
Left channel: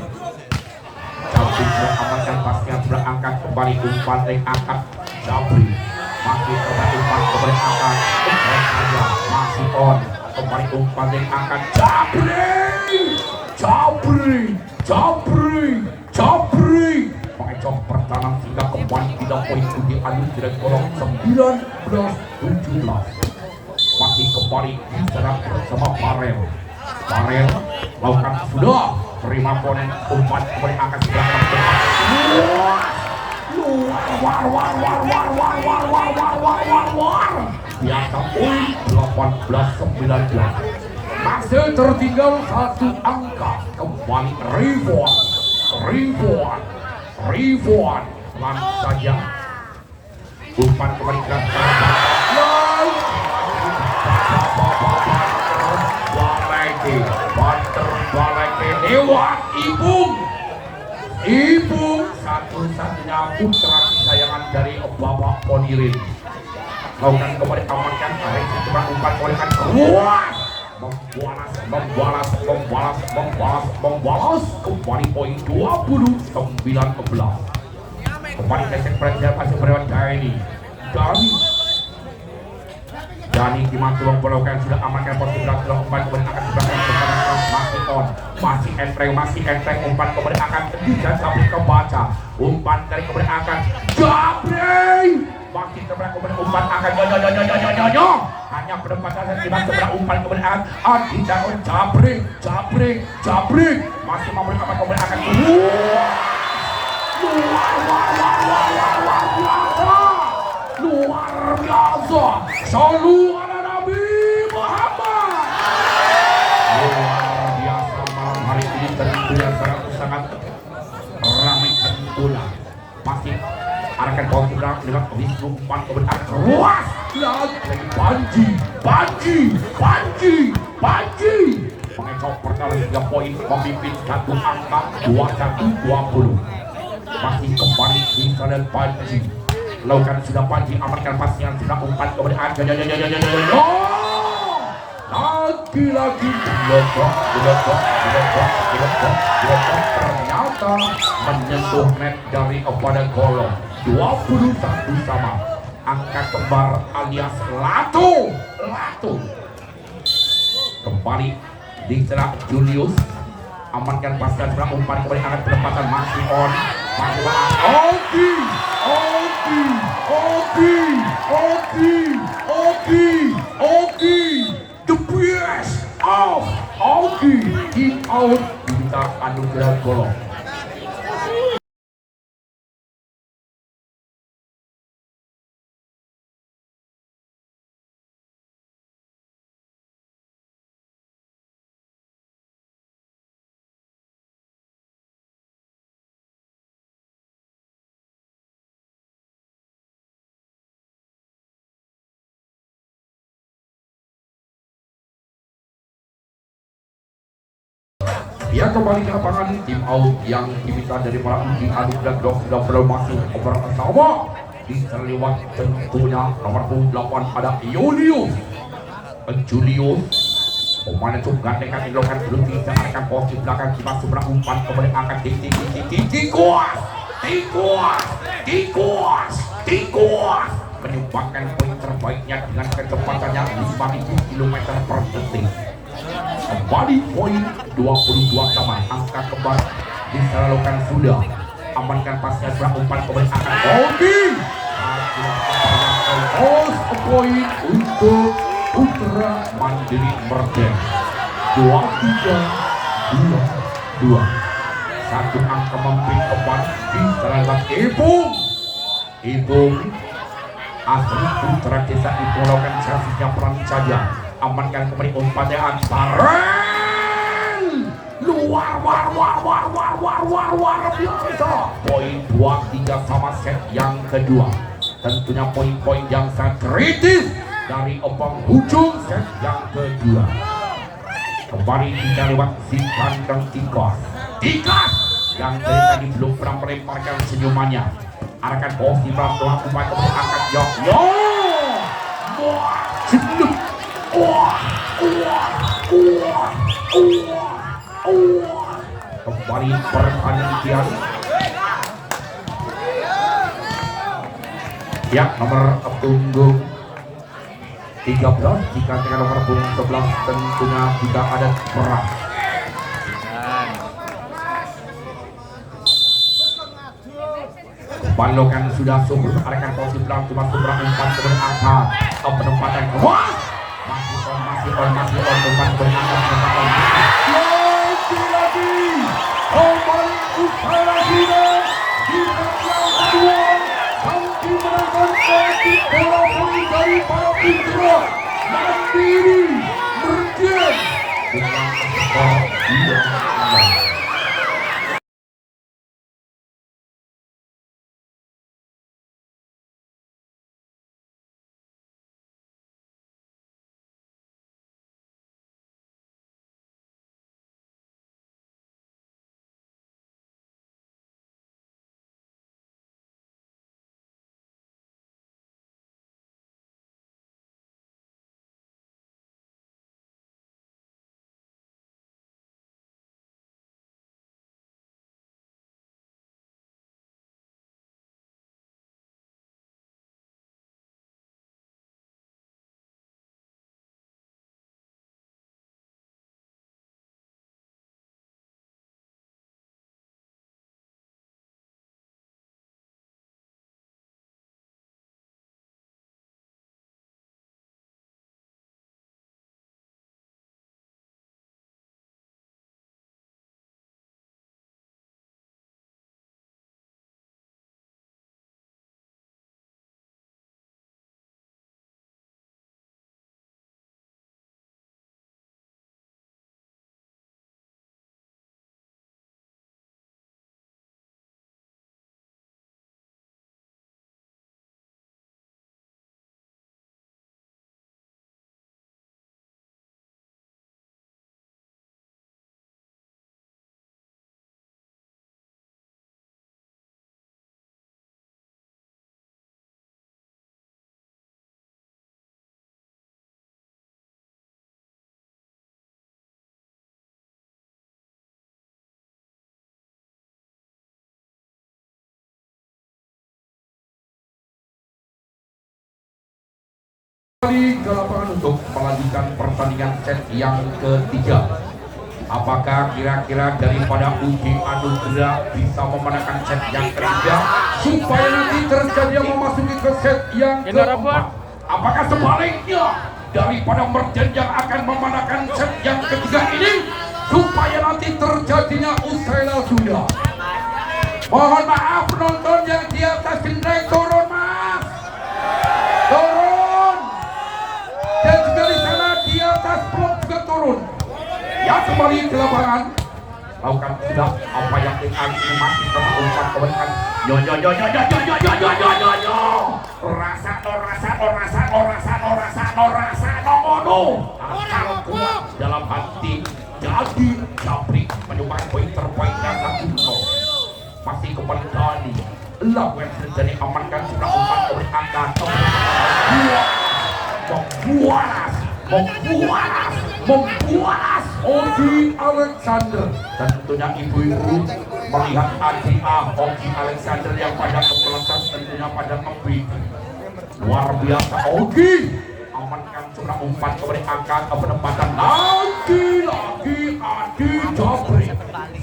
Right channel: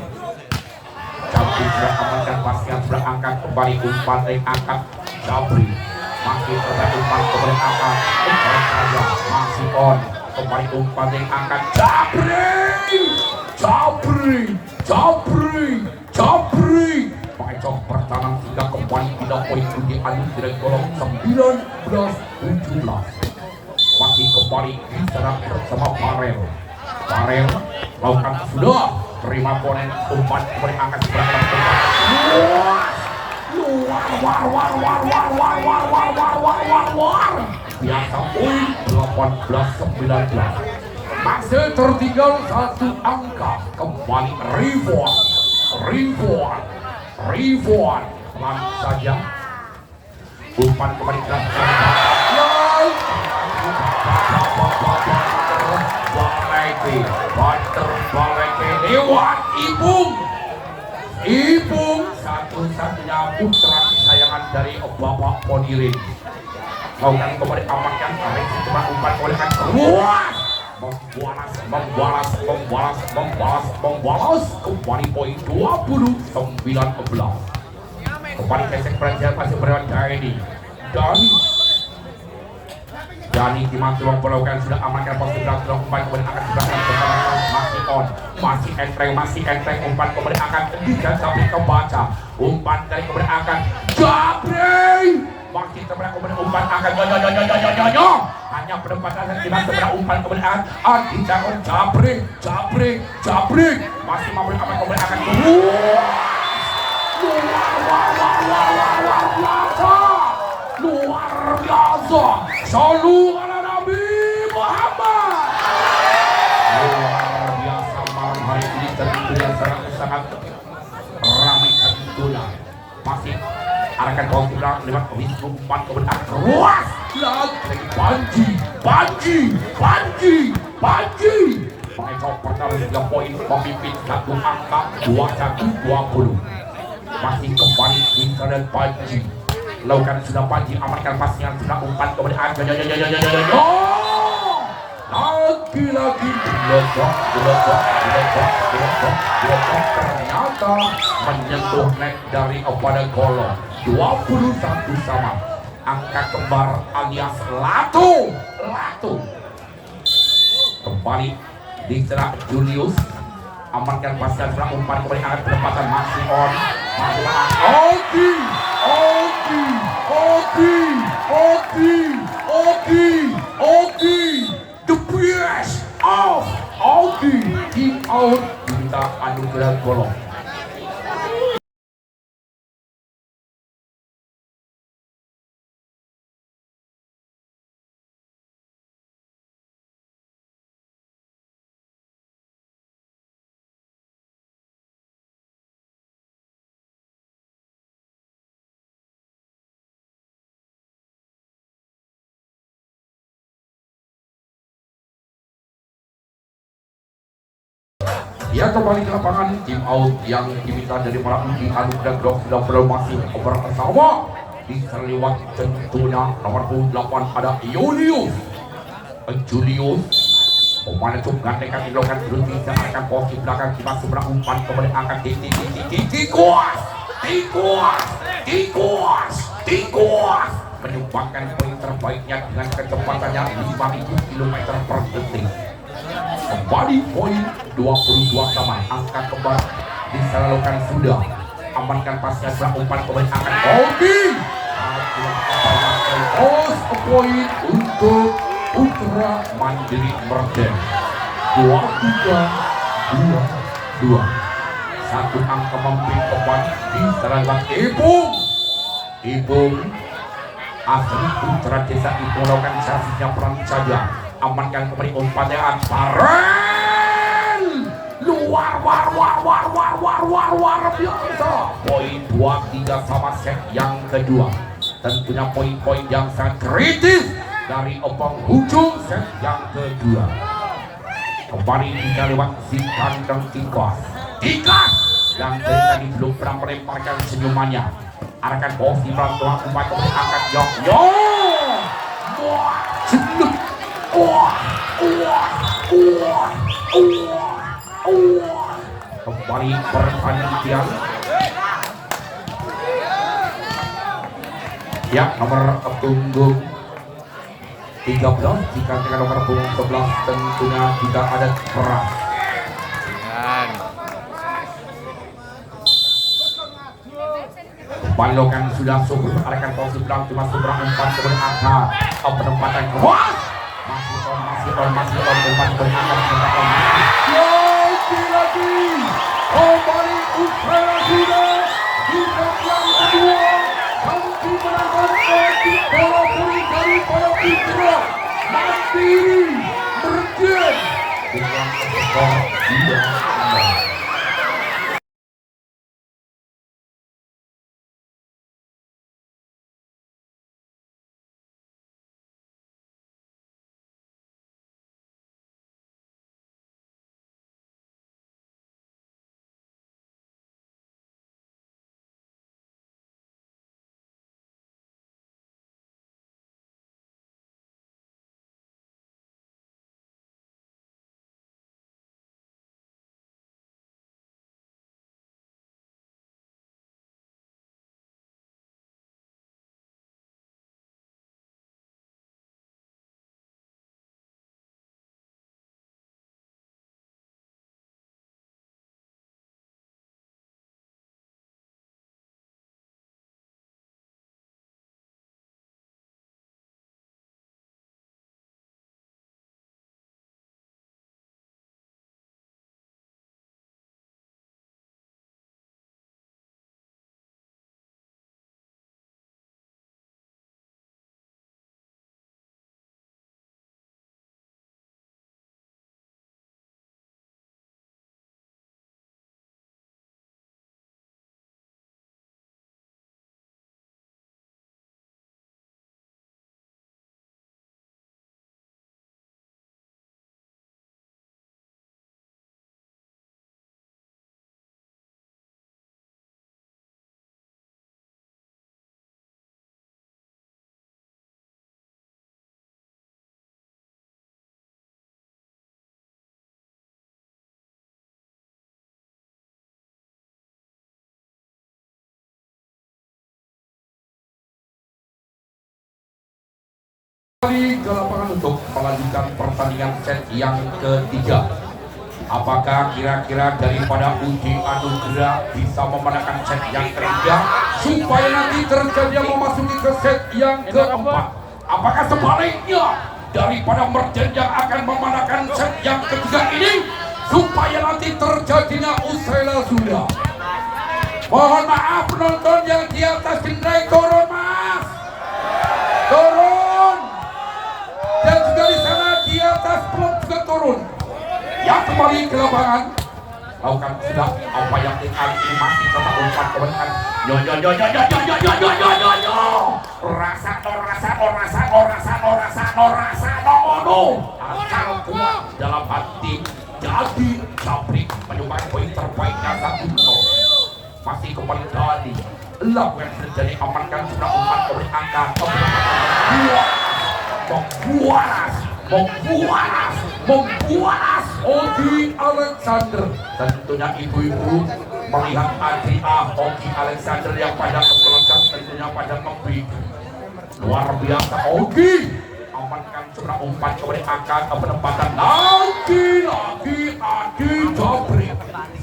jumping sebelah amankan pasnya sebelah angkat kembali umpan dari angkat Jabri masih kembali umpan kembali angkat saja masih on kembali umpan dari angkat Jabri pengecok pertahanan sehingga kembali 3 poin Budi Anu dari kolom 19-17 masih kembali di sana bersama Farel lakukan sudah terima poin umpan kembali angkat sebelah kanan luar biasa poin 18-19 masih tertinggal 1 angka. Kembali Rivon pelan saja umpan kembali ke Baleke lewat Ibung 1 putra kesayangan dari Bapak Ponirin. Lakukan kembali amankan tarik coba umpan olehkan keluar. Membalas kembali poin 20-19. Kembali tesek pelajaran masih berlawan ini dari dimaki memperlakukan sudah amankan posisi belakang umpan kemudian akan diberikan bersama masih enteng umpan kemudian akan tidak sampai kebaca umpan dari kemudian akan Jabri masih sebelah kemudian umpan akan hanya penempatan dan tidak sebelah umpan kemudian Adi Jangon Jabri masih memberi aman kemudian akan luar biasa selalu ala Nabi Muhammad. Luar biasa malam hari ini tentunya sangat ramai tentunya. Masih arahkan bawah sudah lewat Wisnu umpan kebenar keruas lagi Panji mengecok perkara 3 poin memimpin satu angka 21-20. Masih kembali di sana Panji lakukan sudah Panji amankan pasnya sudah umpan kemudian lagi-lagi diledok ternyata menyentuh net dari pada golong 21 sama angka kembar alias Latu kembali di celah Julius amankan pasnya sudah umpan kemudian akan penempatan masih on Oki, the best of Oki, kick out kita anugerah golong. Ya kembali ke lapangan tim out yang diminta dari para uji anugerah drop sudah masih bersama di terlewat tentunya nomor 8 ada Julius pemain itu gantikan dilakukan berhenti dan akan posisi belakang di masuk umpan kemudian akan tikuas menyumbangkan poin terbaiknya dengan kecepatannya 5.000 km per detik. Kembali poin 22 sama angka kembar bisa lakukan sudah amankan pasnya sebelah umpan kemudian akan poin untuk Putra Mandiri Merden 23-22 satu angka memimpin kembali di serangga Ipung asli putra desa Ipung lakukan servisnya peran saja amankan kembali umpannya Antaren luar biasa poin 23 sama set yang kedua tentunya poin-poin yang sangat kritis dari penghujung set yang kedua kembali kita lewat si kandang Tikas yang tadi belum pernah melemparkan senyumannya arahkan bos di belakang umpan kemudian angkat kembali pertandingan ya nomor punggung 13 jika dengan nomor punggung 11 tentunya tidak ada perak Balokan sudah subur arahkan posisi belakang cuma seberang umpan kemudian angkat penempatan keluar masih on umpan kemudian angkat penempatan lagi kembali usai lagi di set yang kedua kami menangkan posisi bola voli dari para Putra Mandiri Merden dengan skor 2-0. untuk melanjutkan pertandingan set yang ketiga. Apakah kira-kira daripada Uji Anugerah bisa memenangkan set yang ketiga supaya nanti terjadi yang memasuki ke set yang keempat? Apakah sebaliknya daripada Merjen yang akan memenangkan set yang ketiga ini supaya nanti terjadinya usai sudah? Mohon maaf penonton yang di atas naik turun mas, turun, dan juga di sana di atas peluk juga turun. Ya kembali ke lapangan, lakukan sudah apa yang ini masih tetap umpan kebanyakan. Yo yo yo yo yo yo yo yo yo yo yo yo. Rasa akal kuat dalam hati. Jadi Japri menyumbang poin terbaiknya 1-0. Masih kembali Dani. Lakukan terjadi amankan juga umpan kebanyakan. Membuat Ogi Alexander. Tentunya ibu-ibu melihat Adria Ogi Alexander yang pada kebelancar tentunya pada kebik. Luar biasa Ogi amankan sebuah umpan kebanyakan penempatan lagi Adi Japri.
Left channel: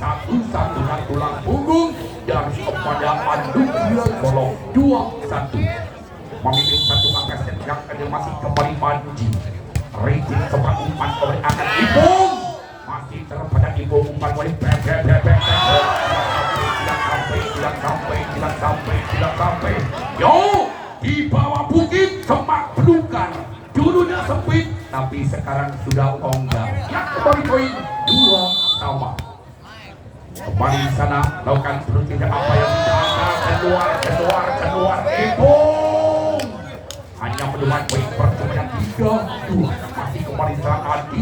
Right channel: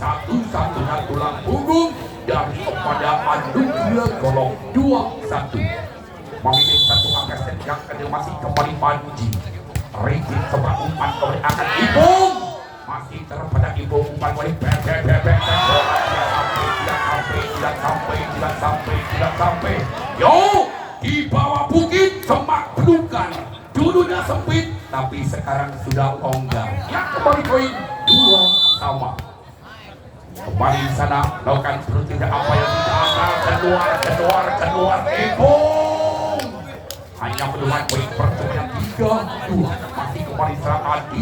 Satu-satunya tulang punggung dari kepada Anugerah Golong 2-1 memimpin satu angka set yang kedua masih kembali Panji. Rating sebuah umpan kebanyakan Ibung masih terpada Ibung umpan balik tidak sampai yo di bawah bukit semak belukar dulunya sempit tapi sekarang sudah longgar yang kembali poin 2-2. Kembali di sana lakukan berhenti apa yang tidak keluar Ibung hanya mendapat poin percobaan 3-2. Masih kembali serang Adi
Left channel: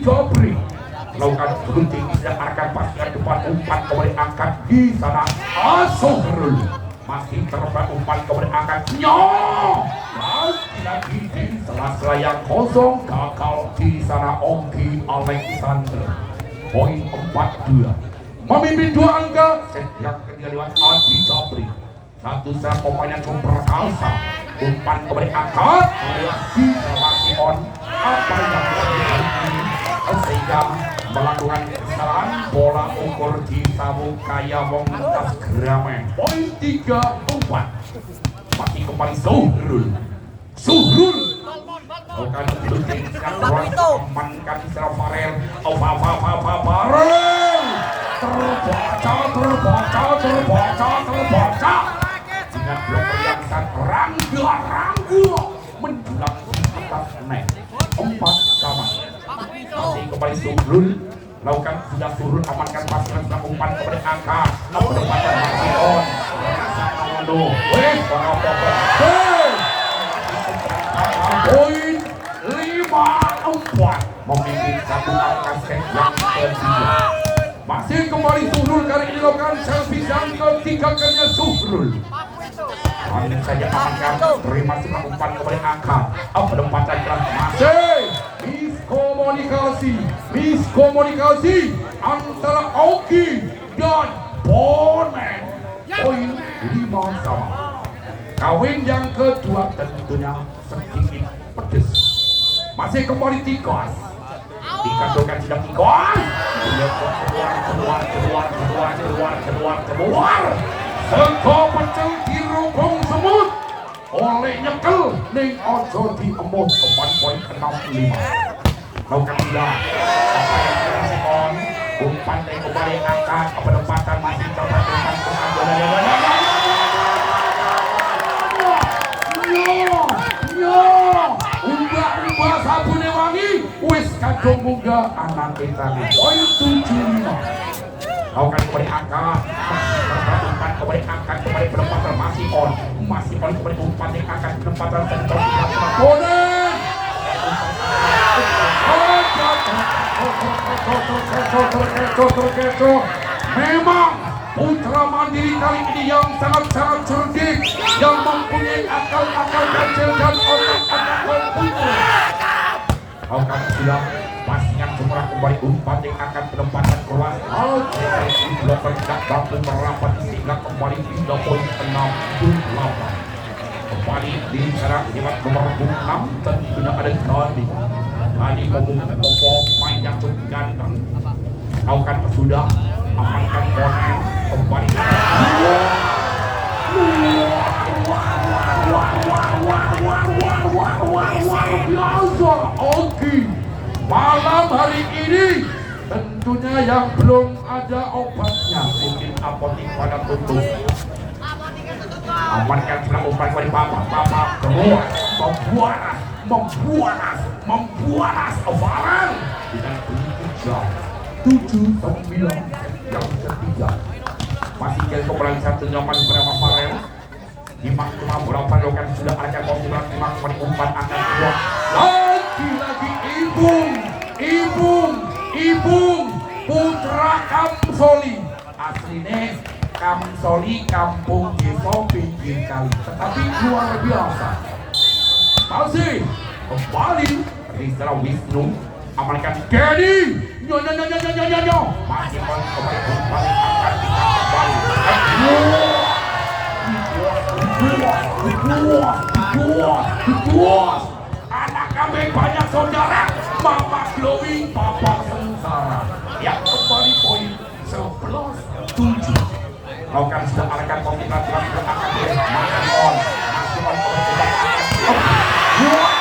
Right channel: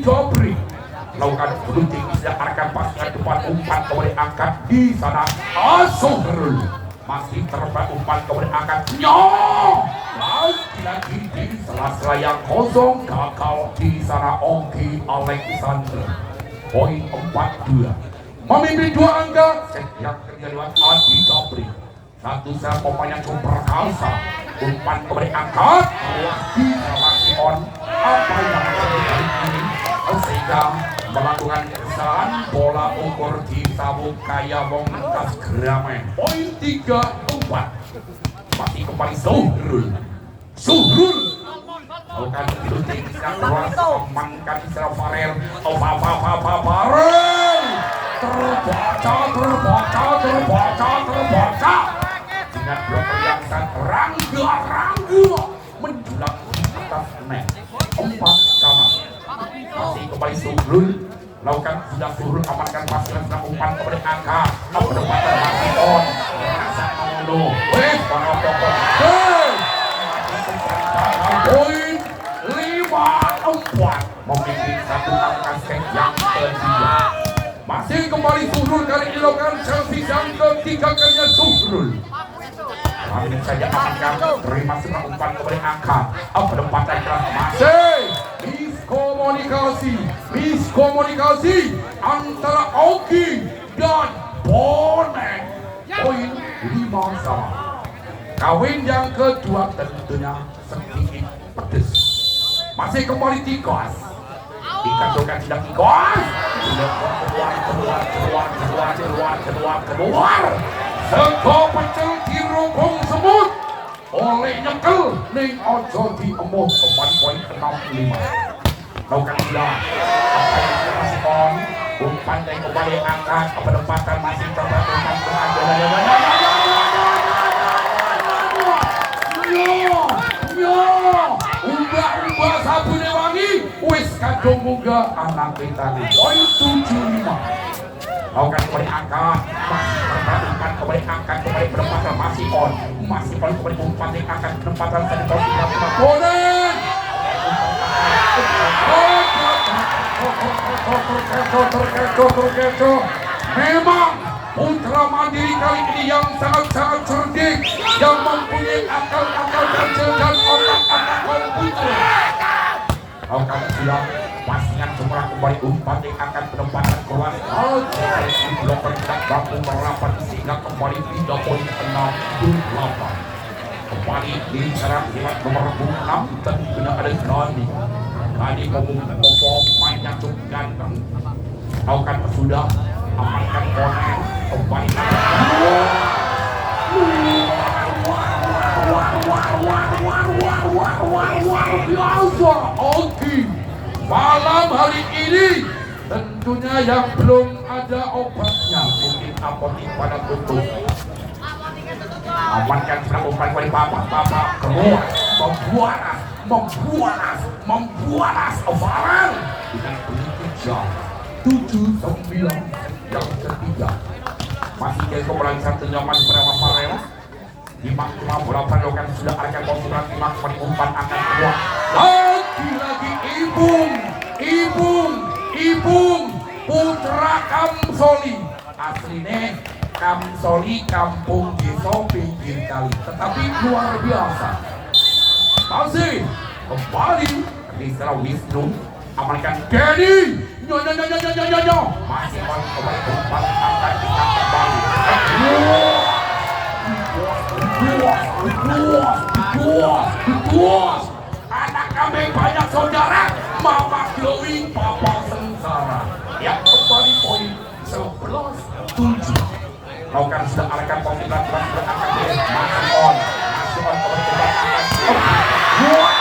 Japri lakukan berhenti sedang akan paskan depan umpan kembali angkat di sana Asohrul masih terbang umpan kembali angkat lagi di sela-sela yang kosong gagal di sana Ogi Alexander. Poin 4-2 memimpin 2 angka set yang ketiga lewat Adi Japri. Satu set pemain yang cukup perkasa umpan kembali angkat lagi masih on apa yang terjadi ini sehingga melakukan kesalahan bola ukur di sabuk kaya mengkas geramen. Poin 3-4 masih kembali Suhrul lakukan berhenti yang keras amankan secara Farel terbaca dengan bloker yang sangat rangga menjulang di atas net 4-sama. Masih kembali Suhrul lakukan Suhrul amankan pasangan setelah umpan kepada angka penempatan masih on rasa Amono poin 5-4 memimpin satu angka set yang ketiga. Masih kembali Suhrul kali ini lakukan servis yang ketiga kalinya Suhrul. Kali saja amankan terima sebuah umpan kepada angka penempatan keras masih miskomunikasi antara Ogi dan Bonek. Poin 5-sama. Kawin yang kedua tentunya sedikit pedes. Masih kembali Tikas. Dikatakan tidak Tikas. Keluar. Sego pecel dirubung semut. Oleh nyekel ning ojo diemut kembali poin ke-65. Lakukan tidak apa yang dikasih on umpan dan kembali angkat penempatan masih coba umpan ubah sabune wangi wis kadung munggah anak kita nih poin 75. Lakukan kembali angkat masih terbangunkan kembali angkat kembali penempatan masih on masih poin kembali umpan dan angkat penempatan satu poin 45 bonek memang Putra Mandiri kali ini yang sangat-sangat cerdik yang mempunyai akal-akal kecil dan otak-otak komputer. Lakukan silang pasangan semua kembali umpan yang akan penempatan kelas di bloker tidak mampu merapat sehingga kembali 3 poin 6-8. kembali di secara lewat nomor 6 tentunya ada Kali Popo main yang cukup ganteng. Kau kan sudah amankan konek kembali. Biasa Oki malam hari ini tentunya yang belum ada obatnya mungkin apotek pada tutup. Amankan selang umpan kembali Papa keluar membuanas Ovalan dengan bunyi 7-9 yang ketiga masih jadi kembali satu nyaman bernama Farel. Dimang cuma berapa lokan sudah ada konsulat Dimang umpan akan keluar lagi Ibung Putra Kamsoli aslinya Kamsoli kampung desa pinggir kali tetapi luar biasa masih kembali di setelah Wisnu amankan Dedi nyo masih kembali akan kita kembali Buas anak kami banyak saudara Mama glowing Papa sengsara yang kembali poin 11-7 kau kan sudah alahkan poin 11 akan masih on kembali akan buas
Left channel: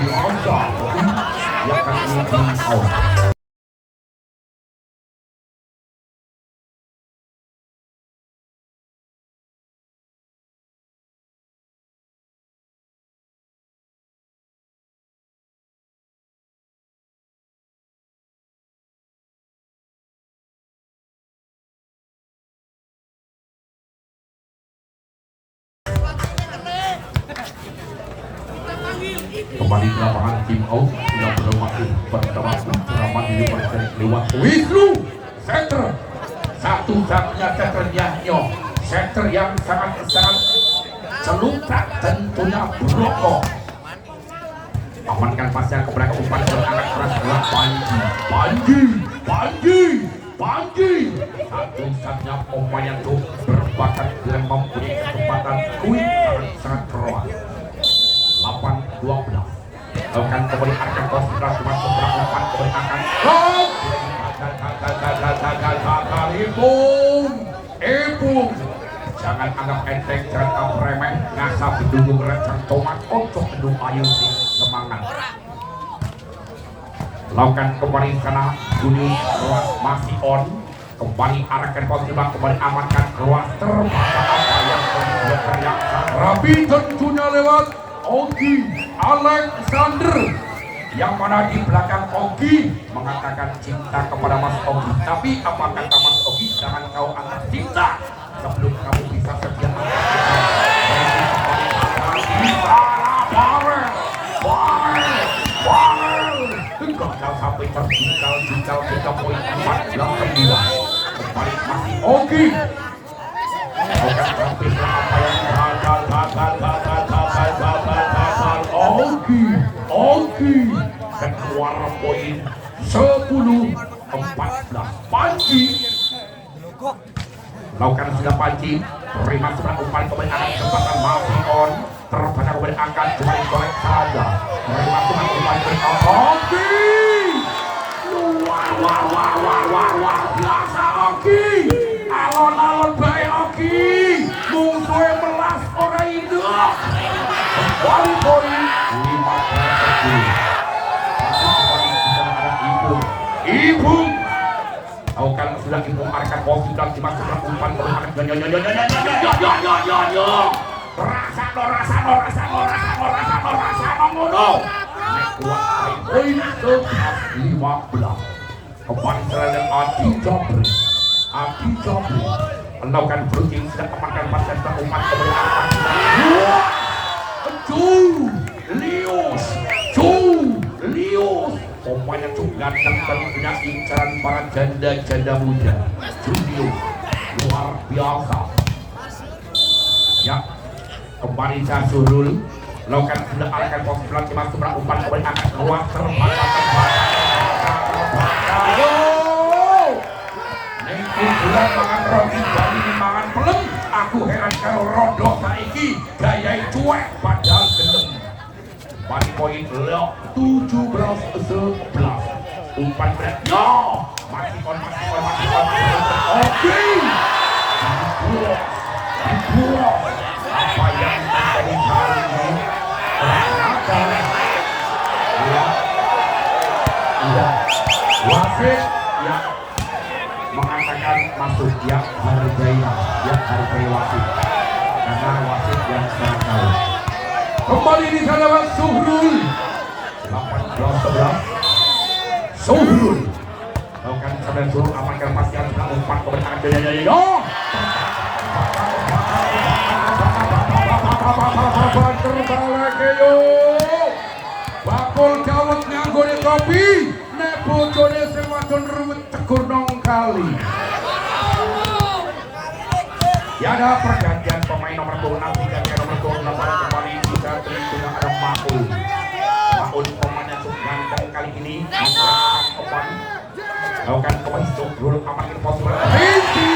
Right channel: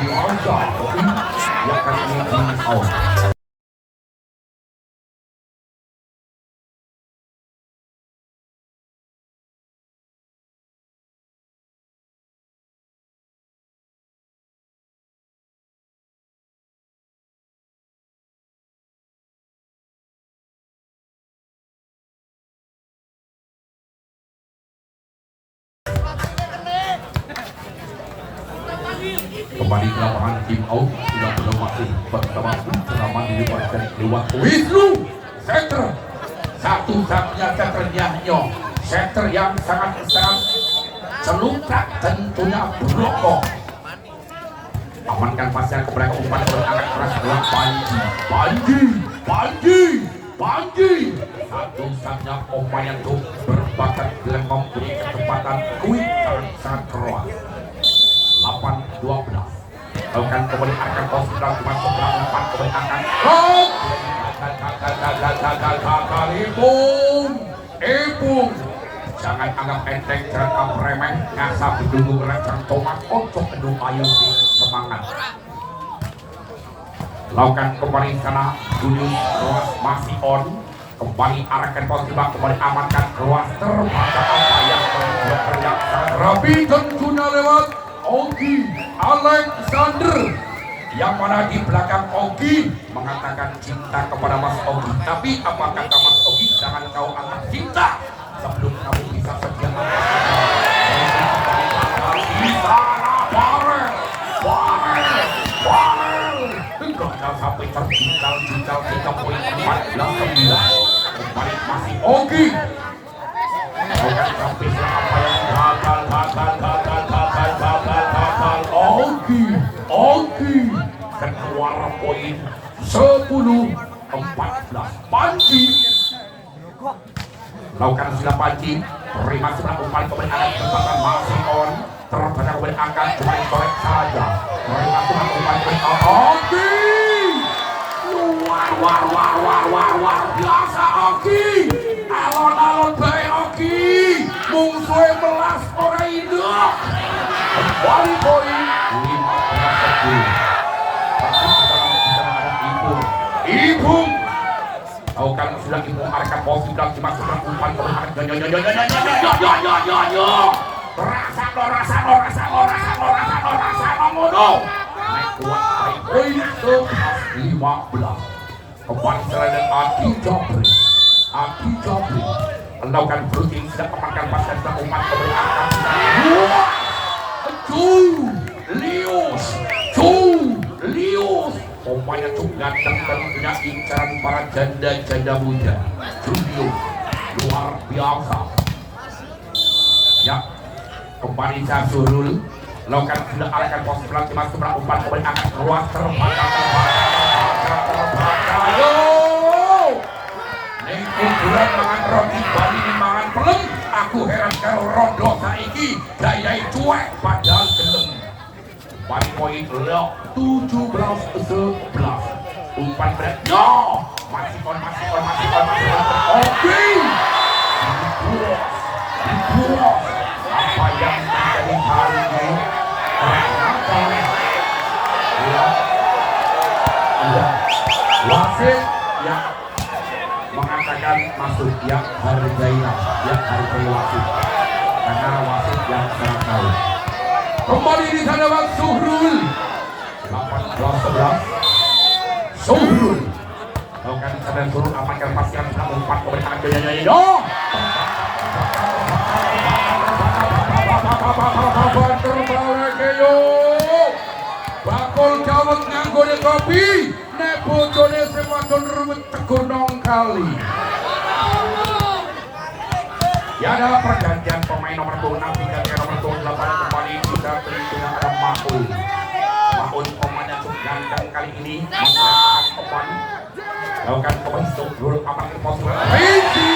biasa yang akan ini out. Kembali ke lapangan tim out yang belum masih bersama Putra Mandiri Warga lewat Wisnu center satu-satunya centernya center yang sangat celungkat tentunya Broko amankan pasnya kepada umpan berangat keras adalah Panji satu-satunya pemain yang berbakat dan mempunyai kecepatan kuit sangat keras 8-12 akan kembali akan konsentrasi cuma seberang umpan kembali akan gagal Ipung jangan anggap enteng jangan anggap remeh ngasah berdungung rencang tomat untuk mendung ayu semangat lakukan kembali sana Juni Ruas masih on kembali arahkan konsentrasi kembali amankan Ruas terbaca apa yang yang rapi tentunya lewat Ogi Alexander yang mana di belakang Ogi mengatakan cinta kepada Mas Ogi tapi apa kata Mas Ogi jangan kau antar cinta sebelum kamu bisa setia gagal sampai terjingkal kita poin 14-9 kembali masih Ogi bukan sampai apa yang gagal Ogi keluar poin 10-14 Panji lakukan sudah Panji terima seberang umpan kembali akan kesempatan masih on terbaca kembali angkat cuma korek saja terima seberang umpan kembali Ogi luar biasa Ogi alon-alon baik Ogi musuhnya melas orang hidup kembali poin 15-10 tapi sekarang sudah ada Ibung tahu kan sudah Ibung arahkan posisi dan cuma seberang umpan kembali rasa mengunuh naik kuat baik poin 15 kembali selain Adi Jabri melakukan beruji sudah amankan pasien umat kembali akan Lius pemain yang cukup ganteng dan punya incaran para janda muda Julius luar biasa ya kembali Jasurul lakukan sudah arahkan pos pelan cuma umpan kembali akan keluar terbaca yo Bulan mangan roti Bali mangan pelem. Aku heran karo rondo saiki gayai cuek padahal gendeng. Bali poin lo 17-11. Umpan berat yo. Masih on. Oke. Dibuat. Apa yang terjadi hari ini? Ternyata wasit yang mengatakan masuk yang hargai wasit karena wasit yang sangat tahu. Kembali di hadapan Suhrul 18-11. Suhrul lakukan sadar Suhrul amankan pastikan umpan keberkahan jaya terbalik yo bakul jawet nyanggone kopi nek bojone sing wadon ruwet tegur nong kali. Ya ada pergantian pemain nomor 26 hingga nomor 28 kembali kita terima ada Maul pemain yang cukup ganteng kali ini menggantikan kembali lakukan pemain Suhrul amankan pos berhenti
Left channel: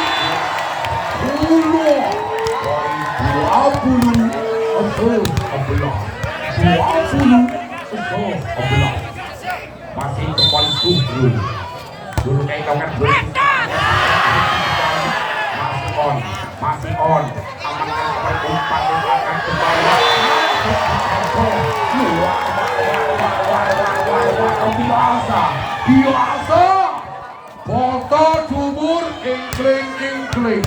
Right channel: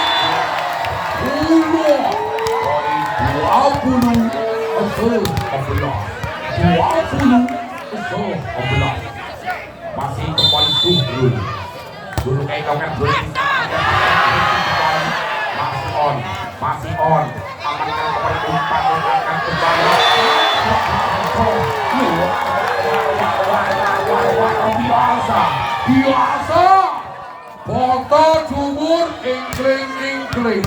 20 masih kembali Suhrul dulu kayak kau kan belum masih on amankan kembali umpan akan kembali biasa foto jumur ingkling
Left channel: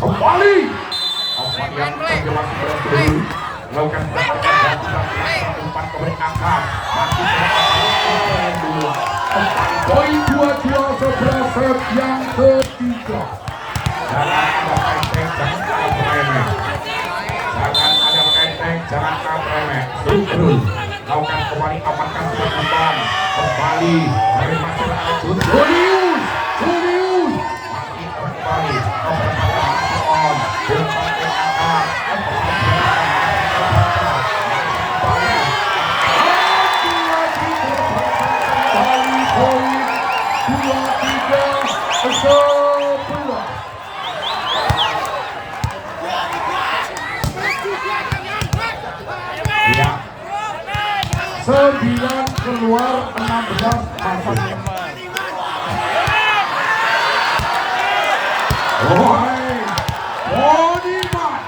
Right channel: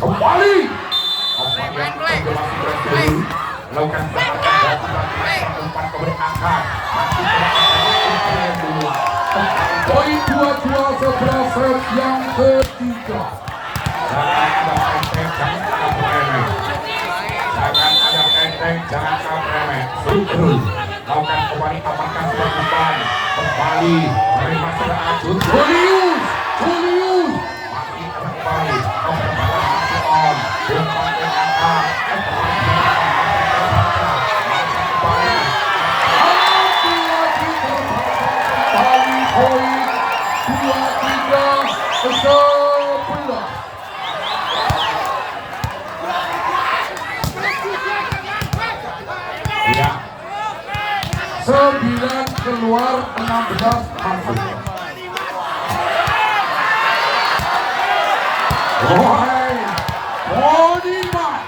kembali lakukan umpan keberkahan masih kedua poin 22-11 set yang ketiga. Jangan ada berenteng, jangan ada beremeh. Suhrul lakukan kembali amankan sebuah umpan kembali dari masih Arjun Julius masih kembali masih on umpan keberkahan poin 23-11. Ya. 9 keluar 16 masuk. Wahai Bodiman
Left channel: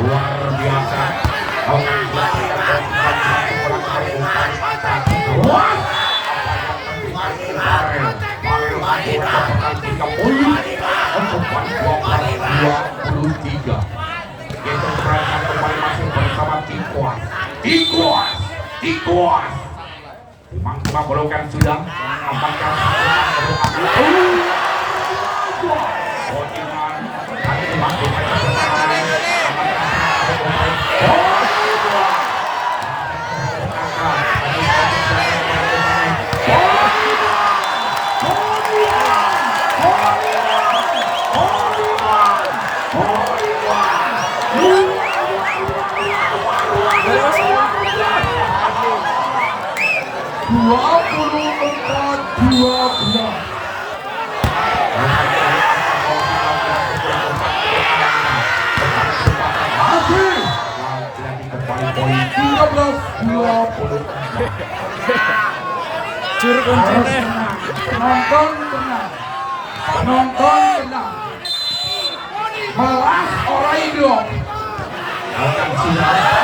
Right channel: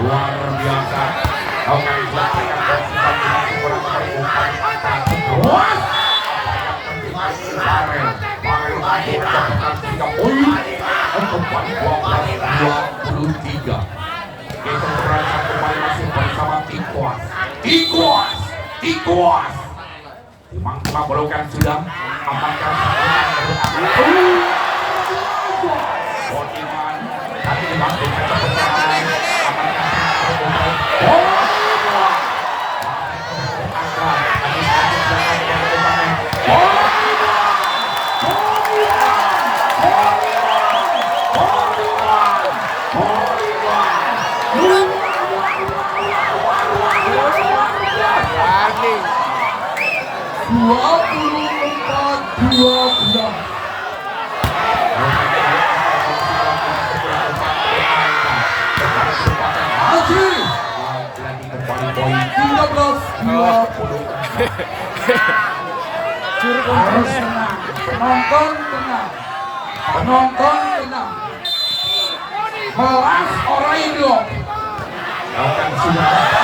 luar biasa. Kau kan dilakukan dan sudah kurang umpan atas. Wah, apa yang terjadi Barel lagi mencapai 3 poin. Kembali 12-23. Kita berangkat kembali masih bersama Tikuas. Memang mengabulkan sudah amankan keberkahan Bodiman tapi dimanggulkan keberkahan amankan poin 13-24. Harus tenang, penonton tenang. Melas orang itu. Lakukan sudah.